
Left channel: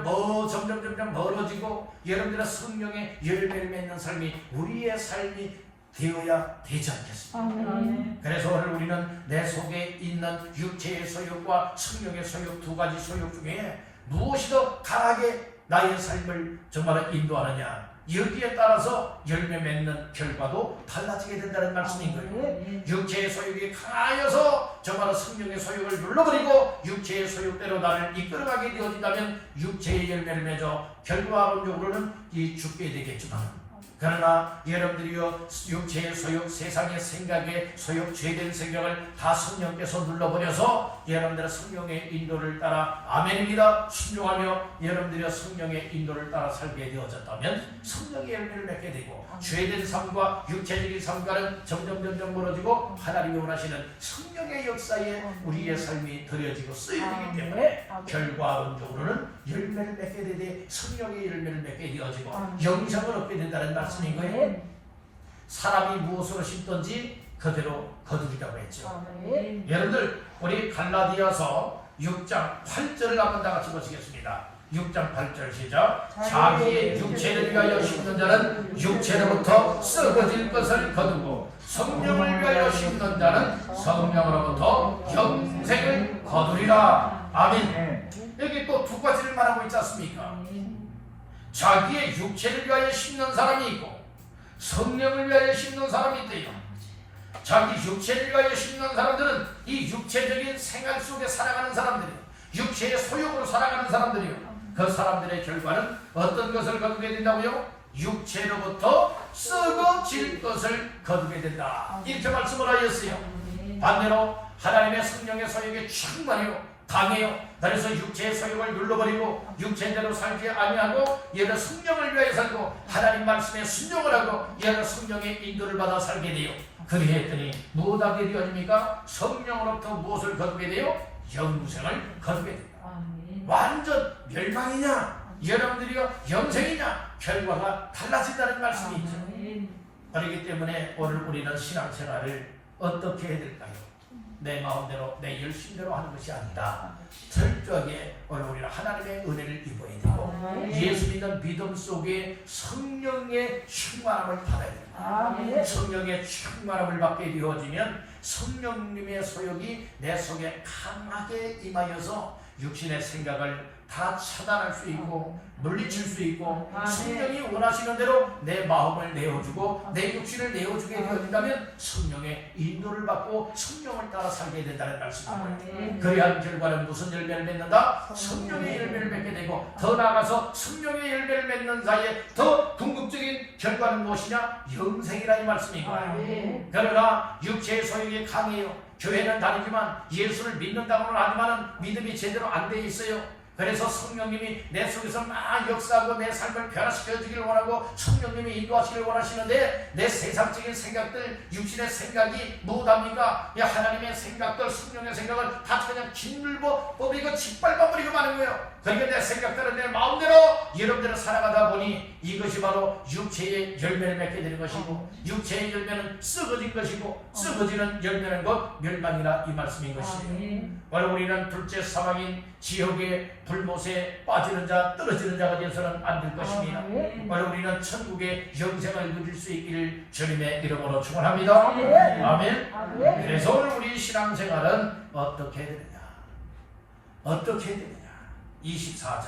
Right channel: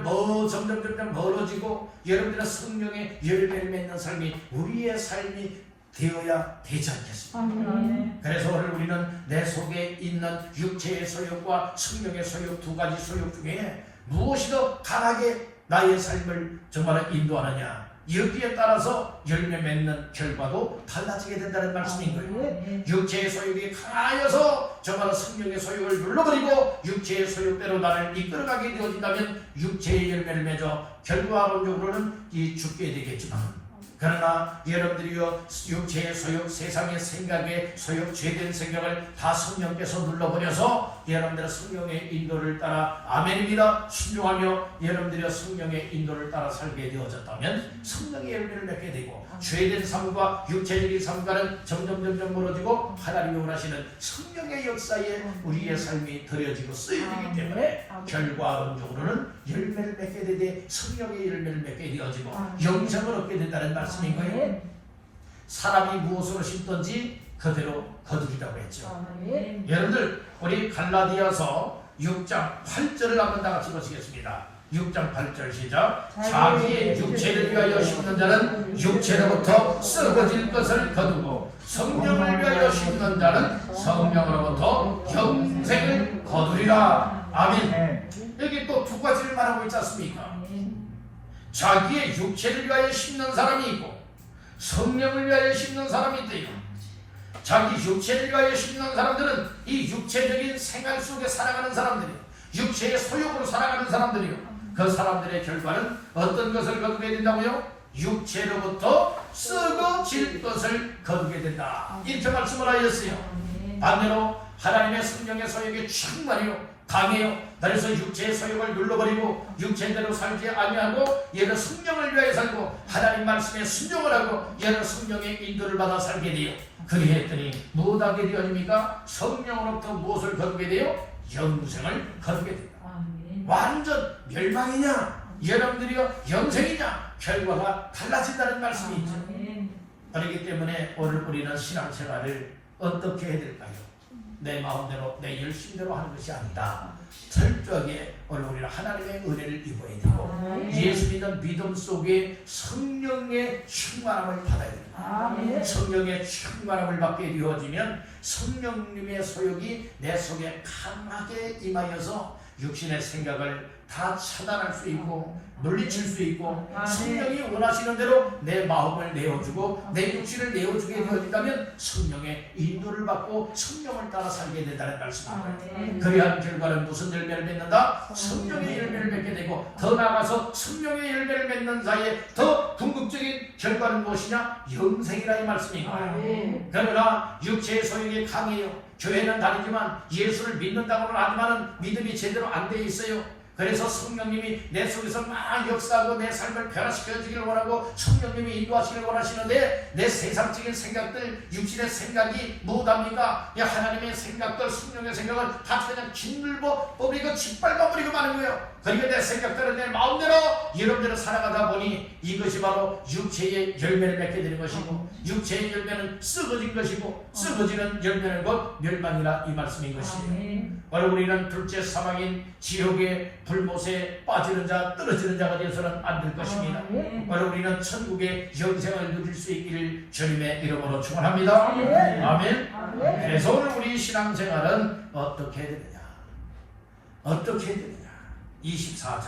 점점 멀어지고 여러분들의 성령의 열매를 맺는 삶이 우리의 삶이 되어야 되지 않겠습니까? 그래서 오늘 우리는 내 속에 있는 육체의 소욕과 성령의 소욕 두 가지 소욕 중에 무엇이 더 강하게 나의 삶을 정말 인도하느냐 여기에 따라서 열매 맺는 결과도 달라지게 된다는 말씀인 거예요. 육체의 소욕이 강하여서 정말 성령의 소욕을 눌러버리고 육체의 소욕대로 나를 이끌어가게 되어진다면 육체의 열매를 맺어 결과론적으로는 죽게 되겠지만 그러나 여러분들이요 육체의 소욕, 세상의 생각에 소욕, 죄된 생각을 다 성령께서 눌러버려서 여러분들의 성령의 인도를 따라 아멘입니다 순종하며 여러분들의 성령의 인도를 따라 살게 되어졌다면 성령의 열매를 맺게 되고 죄된 삶과 육체적인 삶과는 점점 멀어지고 하나님이 원하시는 성령의 역사에 우리의 삶이 드려지고 쓰여지기 때문에 결과론적으로는 열매를 맺게 되되 성령의 열매를 맺게 되어지고 영생을 얻게 된다는 말씀인 거예요. 사람이 무엇으로 심든지 그대로 거두리라고 했죠. 여러분들 우리 갈라디아서 6장 8절을 한번 다 같이 보시겠습니다. 6장 8절 시작. 자기의 육체를 위하여 심는 자는 육체로부터 썩어질 것을 거두고 성령을 위하여 심는 자는 성령으로부터 영생을 거두리라. 아멘. 여기 또 두 가지를 말하고 있지 않습니까? 자기의 육체를 위하여 심는 사람이 있고 성령을 위하여 심는 사람이 있대요. 자기 육체를 위하여 심는 사람들은 이 육체적인 생활 속에 살아가는 사람들이에요. 육체의 소욕으로 살아가는 사람들이에요. 그 사람들의 결과는 어떤 것을 거두게 된다고요? 육체로부터 썩어질 것을 거두게 된다. 이렇게 말씀을 하였어요. 반대로 하나님의 성령의 소욕이 충만해요. 강해요. 그래서 육체의 소욕을 눌러버리고 육체대로 살지 아니하고 얘는 성령을 위하여 살고 하나님 말씀에 순종을 하고 얘는 성령의 인도를 받아 살게 돼요. 그리했더니 무엇하게 되어집니까? 성령으로부터 무엇을 거두게 돼요? 영생을 거두게 돼요. 완전 멸망이냐 여러분들이요 영생이냐 결과가 달라진다는 말씀이죠. 그렇기 때문에 오늘 우리는 신앙생활을 어떻게 해야 될까요? 내 마음대로 내 열심대로 하는 것이 아니라 철저하게 우리는 하나님의 은혜를 입어야 되고 예수 믿는 믿음 속에 성령의 충만함을 받아야 됩니다. 성령의 충만함을 받게 이루어지면 성령님의 소욕이 내 속에 강하게 임하여서 육신의 생각을 다 차단할 수 있고 물리칠 수 있고 성령이 원하시는 대로 내 마음을 내어주고 내 육신을 내어주게 되어진다면 성령의 인도를 받고 성령을 따라 살게 된다는 말씀입니다. 그러한 결과는 무슨 열매를 맺는다? 성령의 열매를 맺게 되고 더 나아가서 성령의 열매를 맺는 자의 더 궁극적인 결과는 무엇이냐? 영생이라 이 말씀인 거예요. 그러나 육체의 소용이 강해요. 교회는 다르지만 예수를 믿는다고는 하지만 믿음이 제대로 안 돼 있어요. 그래서 성령님이 내 속에서 막 역사하고 내 삶을 변화시켜주기를 원하고 성령님이 인도하시기를 원하시는데 내 세상적인 생각들, 육신의 생각이 무엇합니까? 하나님의 생각들, 성령의 생각을 다 그냥 짓눌러 버리고 짓밟아버리고 마는 거예요. 그러니까 내 생각대로 내 마음대로 여러분들은 살아가다 보니 이것이 바로 육체의 열매를 맺게 되는 것이고 육체의 열매는 썩어진 것이고 썩어지는 열매는 곧 멸망이라 이 말씀인 것입니다. 바로 우리는 둘째 사망인 지옥의 불못에 빠지는 자, 떨어지는 자가 되어서는 안 될 것입니다. 바로 우리는 천국의 영생을 누릴 수 있기를 주님의 이름으로 축원합니다. 아멘. 그래서 오늘 우리 신앙생활은 어떻게 해야 되느냐? 어떻게 해야 되느냐? 24절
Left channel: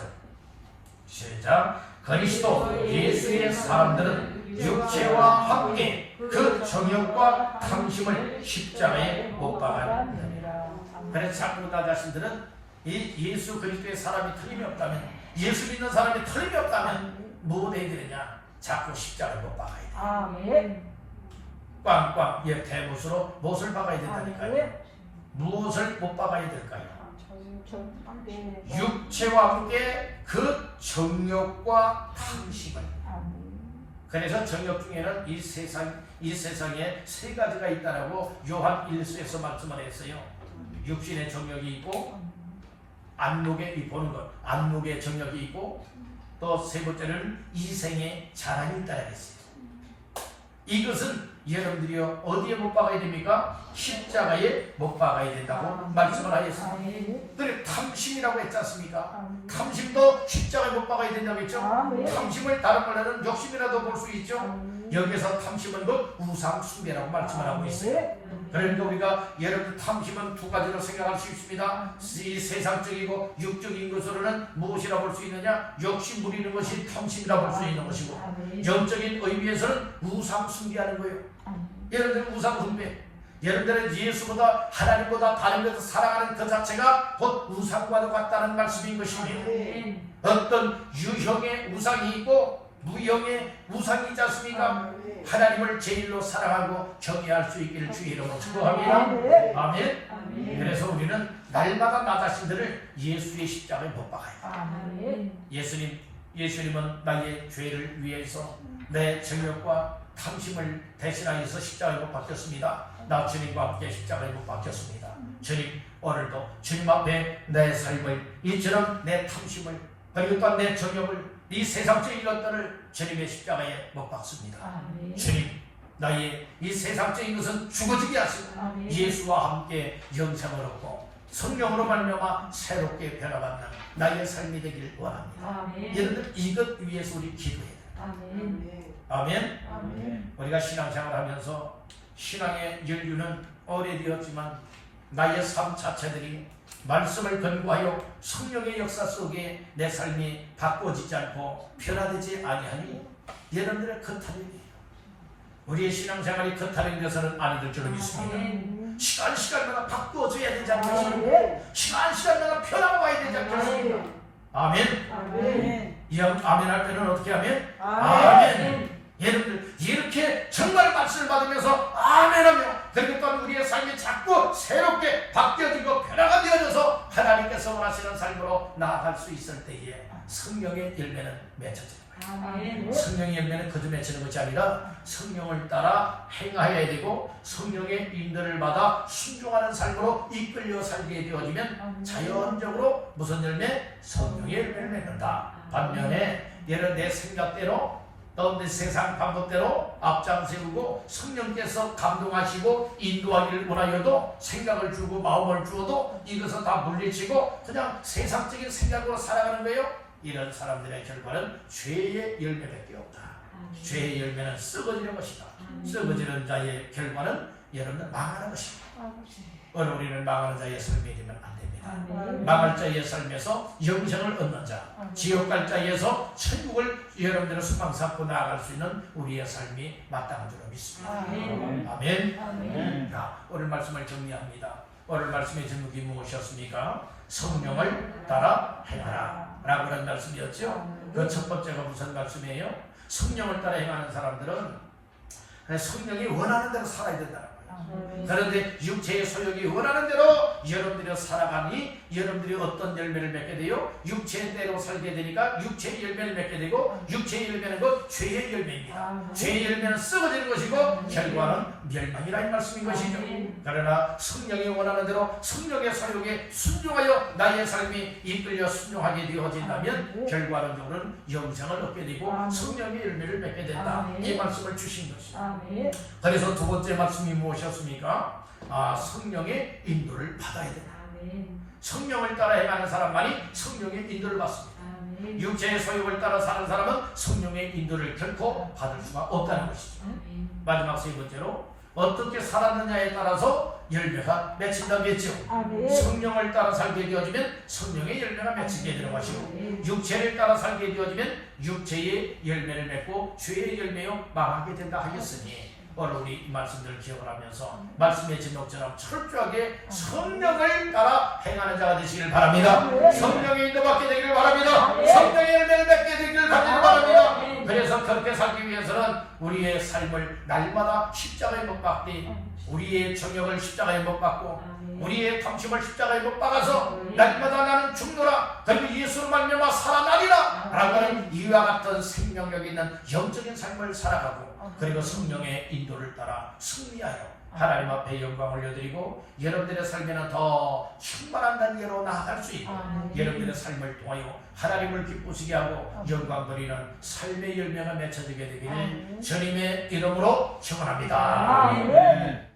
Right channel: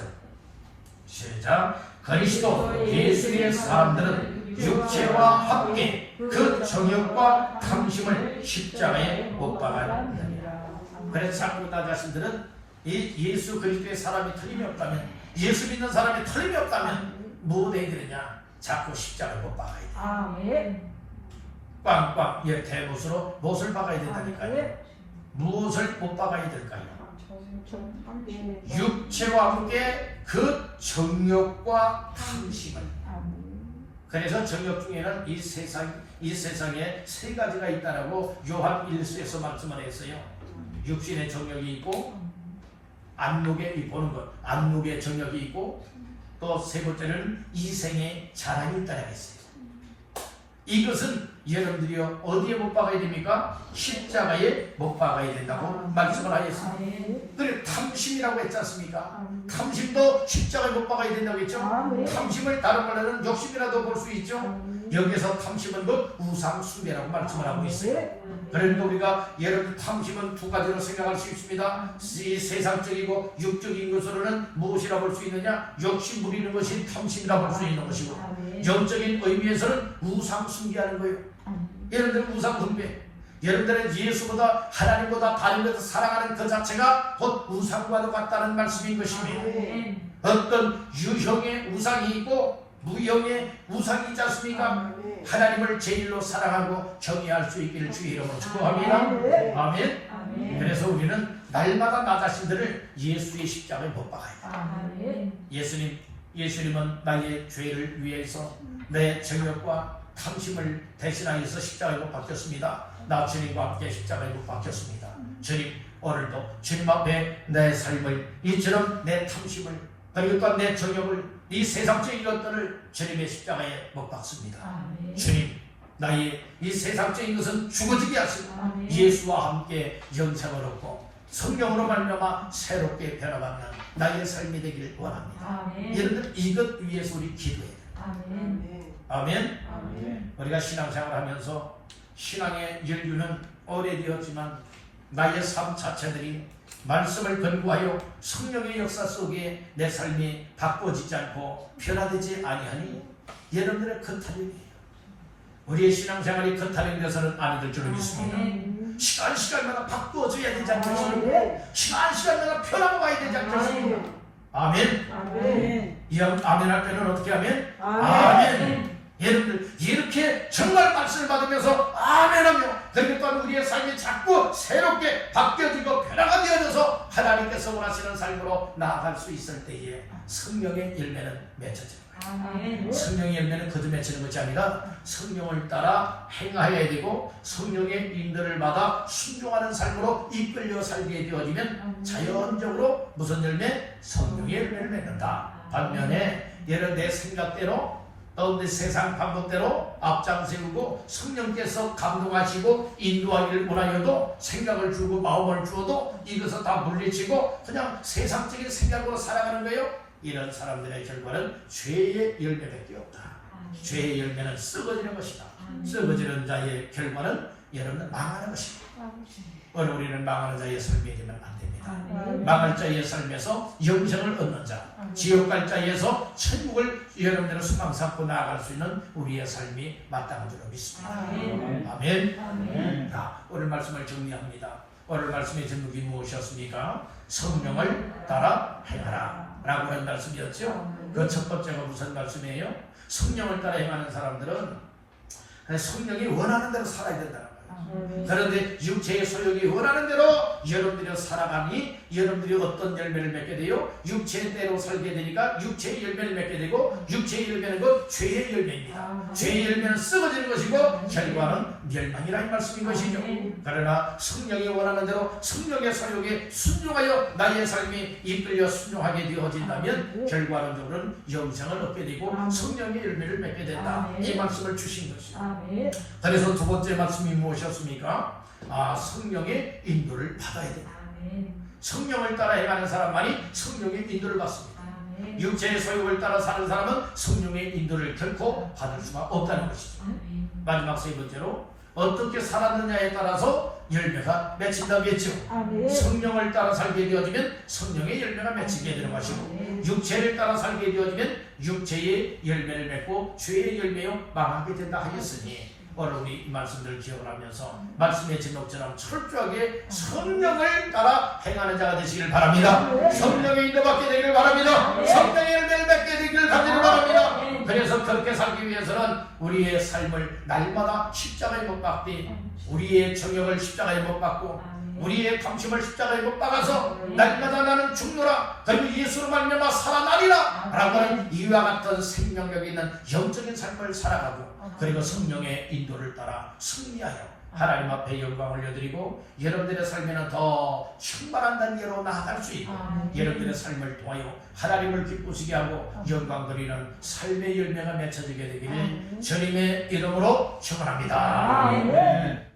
시작. 그리스도 예수의 사람들은 육체와 함께 그 정욕과 탐심을 십자가에 못 박았느니라. 그래서 자꾸 나 자신들은 이 예수 그리스도의 사람이 틀림이 없다면, 예수 믿는 사람이 틀림이 없다면 뭐 해야 되느냐? 자꾸 십자가를 못 박아야 돼. 꽝꽝 대못으로 못을 박아야 된다니까요. 무엇을 못 박아야 될까요? 육체와 함께 그 정욕과 탐심을. 그래서 정욕 중에는 이 세상에 세 가지가 있다라고 요한 1서에서 말씀을 했어요. 육신의 정욕이 있고, 안목에 보는 것, 안목의 정욕이 있고, 또 세 번째는 이생의 자랑이 있다라고 했어요. 이것은 여러분들이 어디에 못 박아야 됩니까? 십자가에 못 박아야 된다고 말씀을 하였습니다. 그래 탐심이라고 했지 않습니까? 탐심도 십자가에 못 박아야 된다고 했죠? 탐심을 다른 말로는 욕심이라도 볼 수 있죠? 여기서 탐심은 곧 우상 숭배라고 말씀을 하고 있어요. 그런데 우리가 여러분 탐심은 두 가지로 생각할 수 있습니다. 이 세상적이고 육적인 것으로는 무엇이라 볼 수 있느냐? 욕심 부리는 것이 탐심이라 볼 수 있는 것이고, 영적인 의미에서는 우상 숭배하는 거예요. 여러분들은 우상 숭배, 여러분들은 예수보다 하나님보다 다른 것을 사랑하는 그 자체가 곧 우상과도 같다는 말씀인 것입니다. 어떤 유형의 우상이 있고 무형의 우상이 있지 않습니까? 하나님을 제일로 사랑하고 정의할 수 있기를 주의 이름으로 축복합니다. 아멘. 그래서 우리는 날마다 나 자신들을 예수의 십자가에 못 박아야 돼. 예수님은 나의 죄를 위해서 내 정욕과 탐심을 대신하여서 십자가에 못 박혔습니다. 나 주님과 함께 십자가에 못 박혔습니다. 주님 오늘도 주님 앞에 내 삶을, 이처럼 내 탐심을, 그리고 또 내 정욕을, 이 세상적인 것들을 주님의 십자가에 못 박습니다. 주님, 나의 이 세상적인 것은 죽어지게 하시고 예수와 함께 영생을 얻고 성령으로 말미암아 새롭게 변화받는 나의 삶이 되길 원합니다. 여러분들 이것 위해서 우리 기도해야 돼요. 아멘. 우리가 신앙생활하면서 신앙의 연륜은 오래되었지만 나의 삶 자체들이 말씀을 근거하여 성령의 역사 속에 내 삶이 바꿔지지 않고 변화되지 아니하니 여러분들의 거탈임이에요. 우리의 신앙생활이 거탈인 것은 아니될 줄로 믿습니다. 시간마다 바꾸어져야 되지 않겠습니까? 시간마다 변화가야 되지 않겠습니까? 아멘. 이 아멘 할 때는 어떻게 하면? 아멘. 여러분들 이렇게 정말 말씀을 받으면서 아멘하며, 그리고 또 우리의 삶이 자꾸 새롭게 바뀌어지고 변화가 되어져서 하나님께서 원하시는 삶으로 나아갈 수 있을 때에 성령의 열매는 맺혀져요. 성령의 열매는 거듭 맺히는 것이 아니라 성령을 따라 행하여야 되고 성령의 인도를 받아 순종하는 삶으로 이끌려 살게 되어지면 자연적으로 무슨 열매? 성령의 열매를 맺는다. 반면에 얘는 내 생각대로 가운데 세상 방법대로 앞장세우고 성령께서 감동하시고 인도하기를 원하여도 생각을 주고 마음을 주어도 이것을 다 물리치고 그냥 세상적인 생각으로 살아가는 거예요. 이런 사람들의 결과는 죄의 열매밖에 없다. 죄의 열매는 썩어지는 것이다. 썩어지는 자의 결과는 여러분은 망하는 것이다. 우리는 망하는 자의 삶이 되면 안 됩니다. 망할 자의 삶에서 영생을 얻는 자, 지옥 갈 자에서 천국을 여러분들은 소망 삼고 나아갈 수 있는 우리의 삶이 마땅한 줄로 믿습니다. 아멘. 자, 오늘 말씀을 정리합니다. 오늘 말씀의 제목이 무엇이었습니까? 성령을 따라 행하라 라고 하는 말씀이었죠. 그 첫 번째가 무슨 말씀이에요? 성령을 따라 행하는 사람들은 성령이 원하는 대로 살아야 된다는 거예요. 그런데 육체의 소욕이 원하는 대로 여러분들이 살아가니 여러분들이 어떤 열매를 맺게 돼요? 육체대로 살게 되니까 육체의 열매를 맺게 되고 육체의 열매는 그 죄의 열매입니다. 죄의 열매는 썩어지는 것이고 결과는 멸망이라 이 말씀인 것이죠. 그러나 성령이 원하는 대로 성령의 소욕에 순종하여 나의 삶이 이끌려 순종하게 되어진다면 결과론적으로는 영생을 얻게 되고 성령의 열매를 맺게 된다. 이 말씀을 주신 것이죠. 그래서 두 번째 말씀이 무엇이었습니까? 성령의 인도를 받아야 된다. 성령을 따라 행하는 사람만이 성령의 인도를 받습니다. 육체의 소욕을 따라 사는 사람은 성령의 인도를 결코 받을 수가 없다는 것이죠. 마지막 세 번째로 어떻게 살았느냐에 따라서 열매가 맺힌다고 했죠. 성령을 따라 살게 되어지면 성령의 열매가 맺히게 되는 것이고 육체를 따라 살게 되어지면 육체의 열매를 맺고 죄의 열매요 망하게 된다 하였으니 오늘 우리 이 말씀들을 기억을 하면서 말씀의 제목처럼 철저하게 성령을 따라 행하는 자가 되시길 바랍니다. 성령의 인도받게 되길 바랍니다. 성령의 열매를 맺게 되기를 간절히 바랍니다. 그래서 그렇게 살기 위해서는 우리의 삶을 날마다 십자가에 못 박되 우리의 정욕을 십자가에 못 박고 우리의 탐심을 십자가에 못 박아서 날마다 나는 죽노라 그리고 예수로 말미암아 살아나리라 라고 하는 이와 같은 생명력 있는 영적인 삶을 살아가고 그리고 성령의 인도를 따라 승리하여 하나님 앞에 영광 올려드리고 여러분들의 삶에는 더 충만한 단계로 나아갈 수 있고 여러분들의 삶을 통하여 하나님을 기쁘시게 하고 영광 드리는 삶의 열매가 맺혀지게 되기를 주님의 이름으로 축원합니다.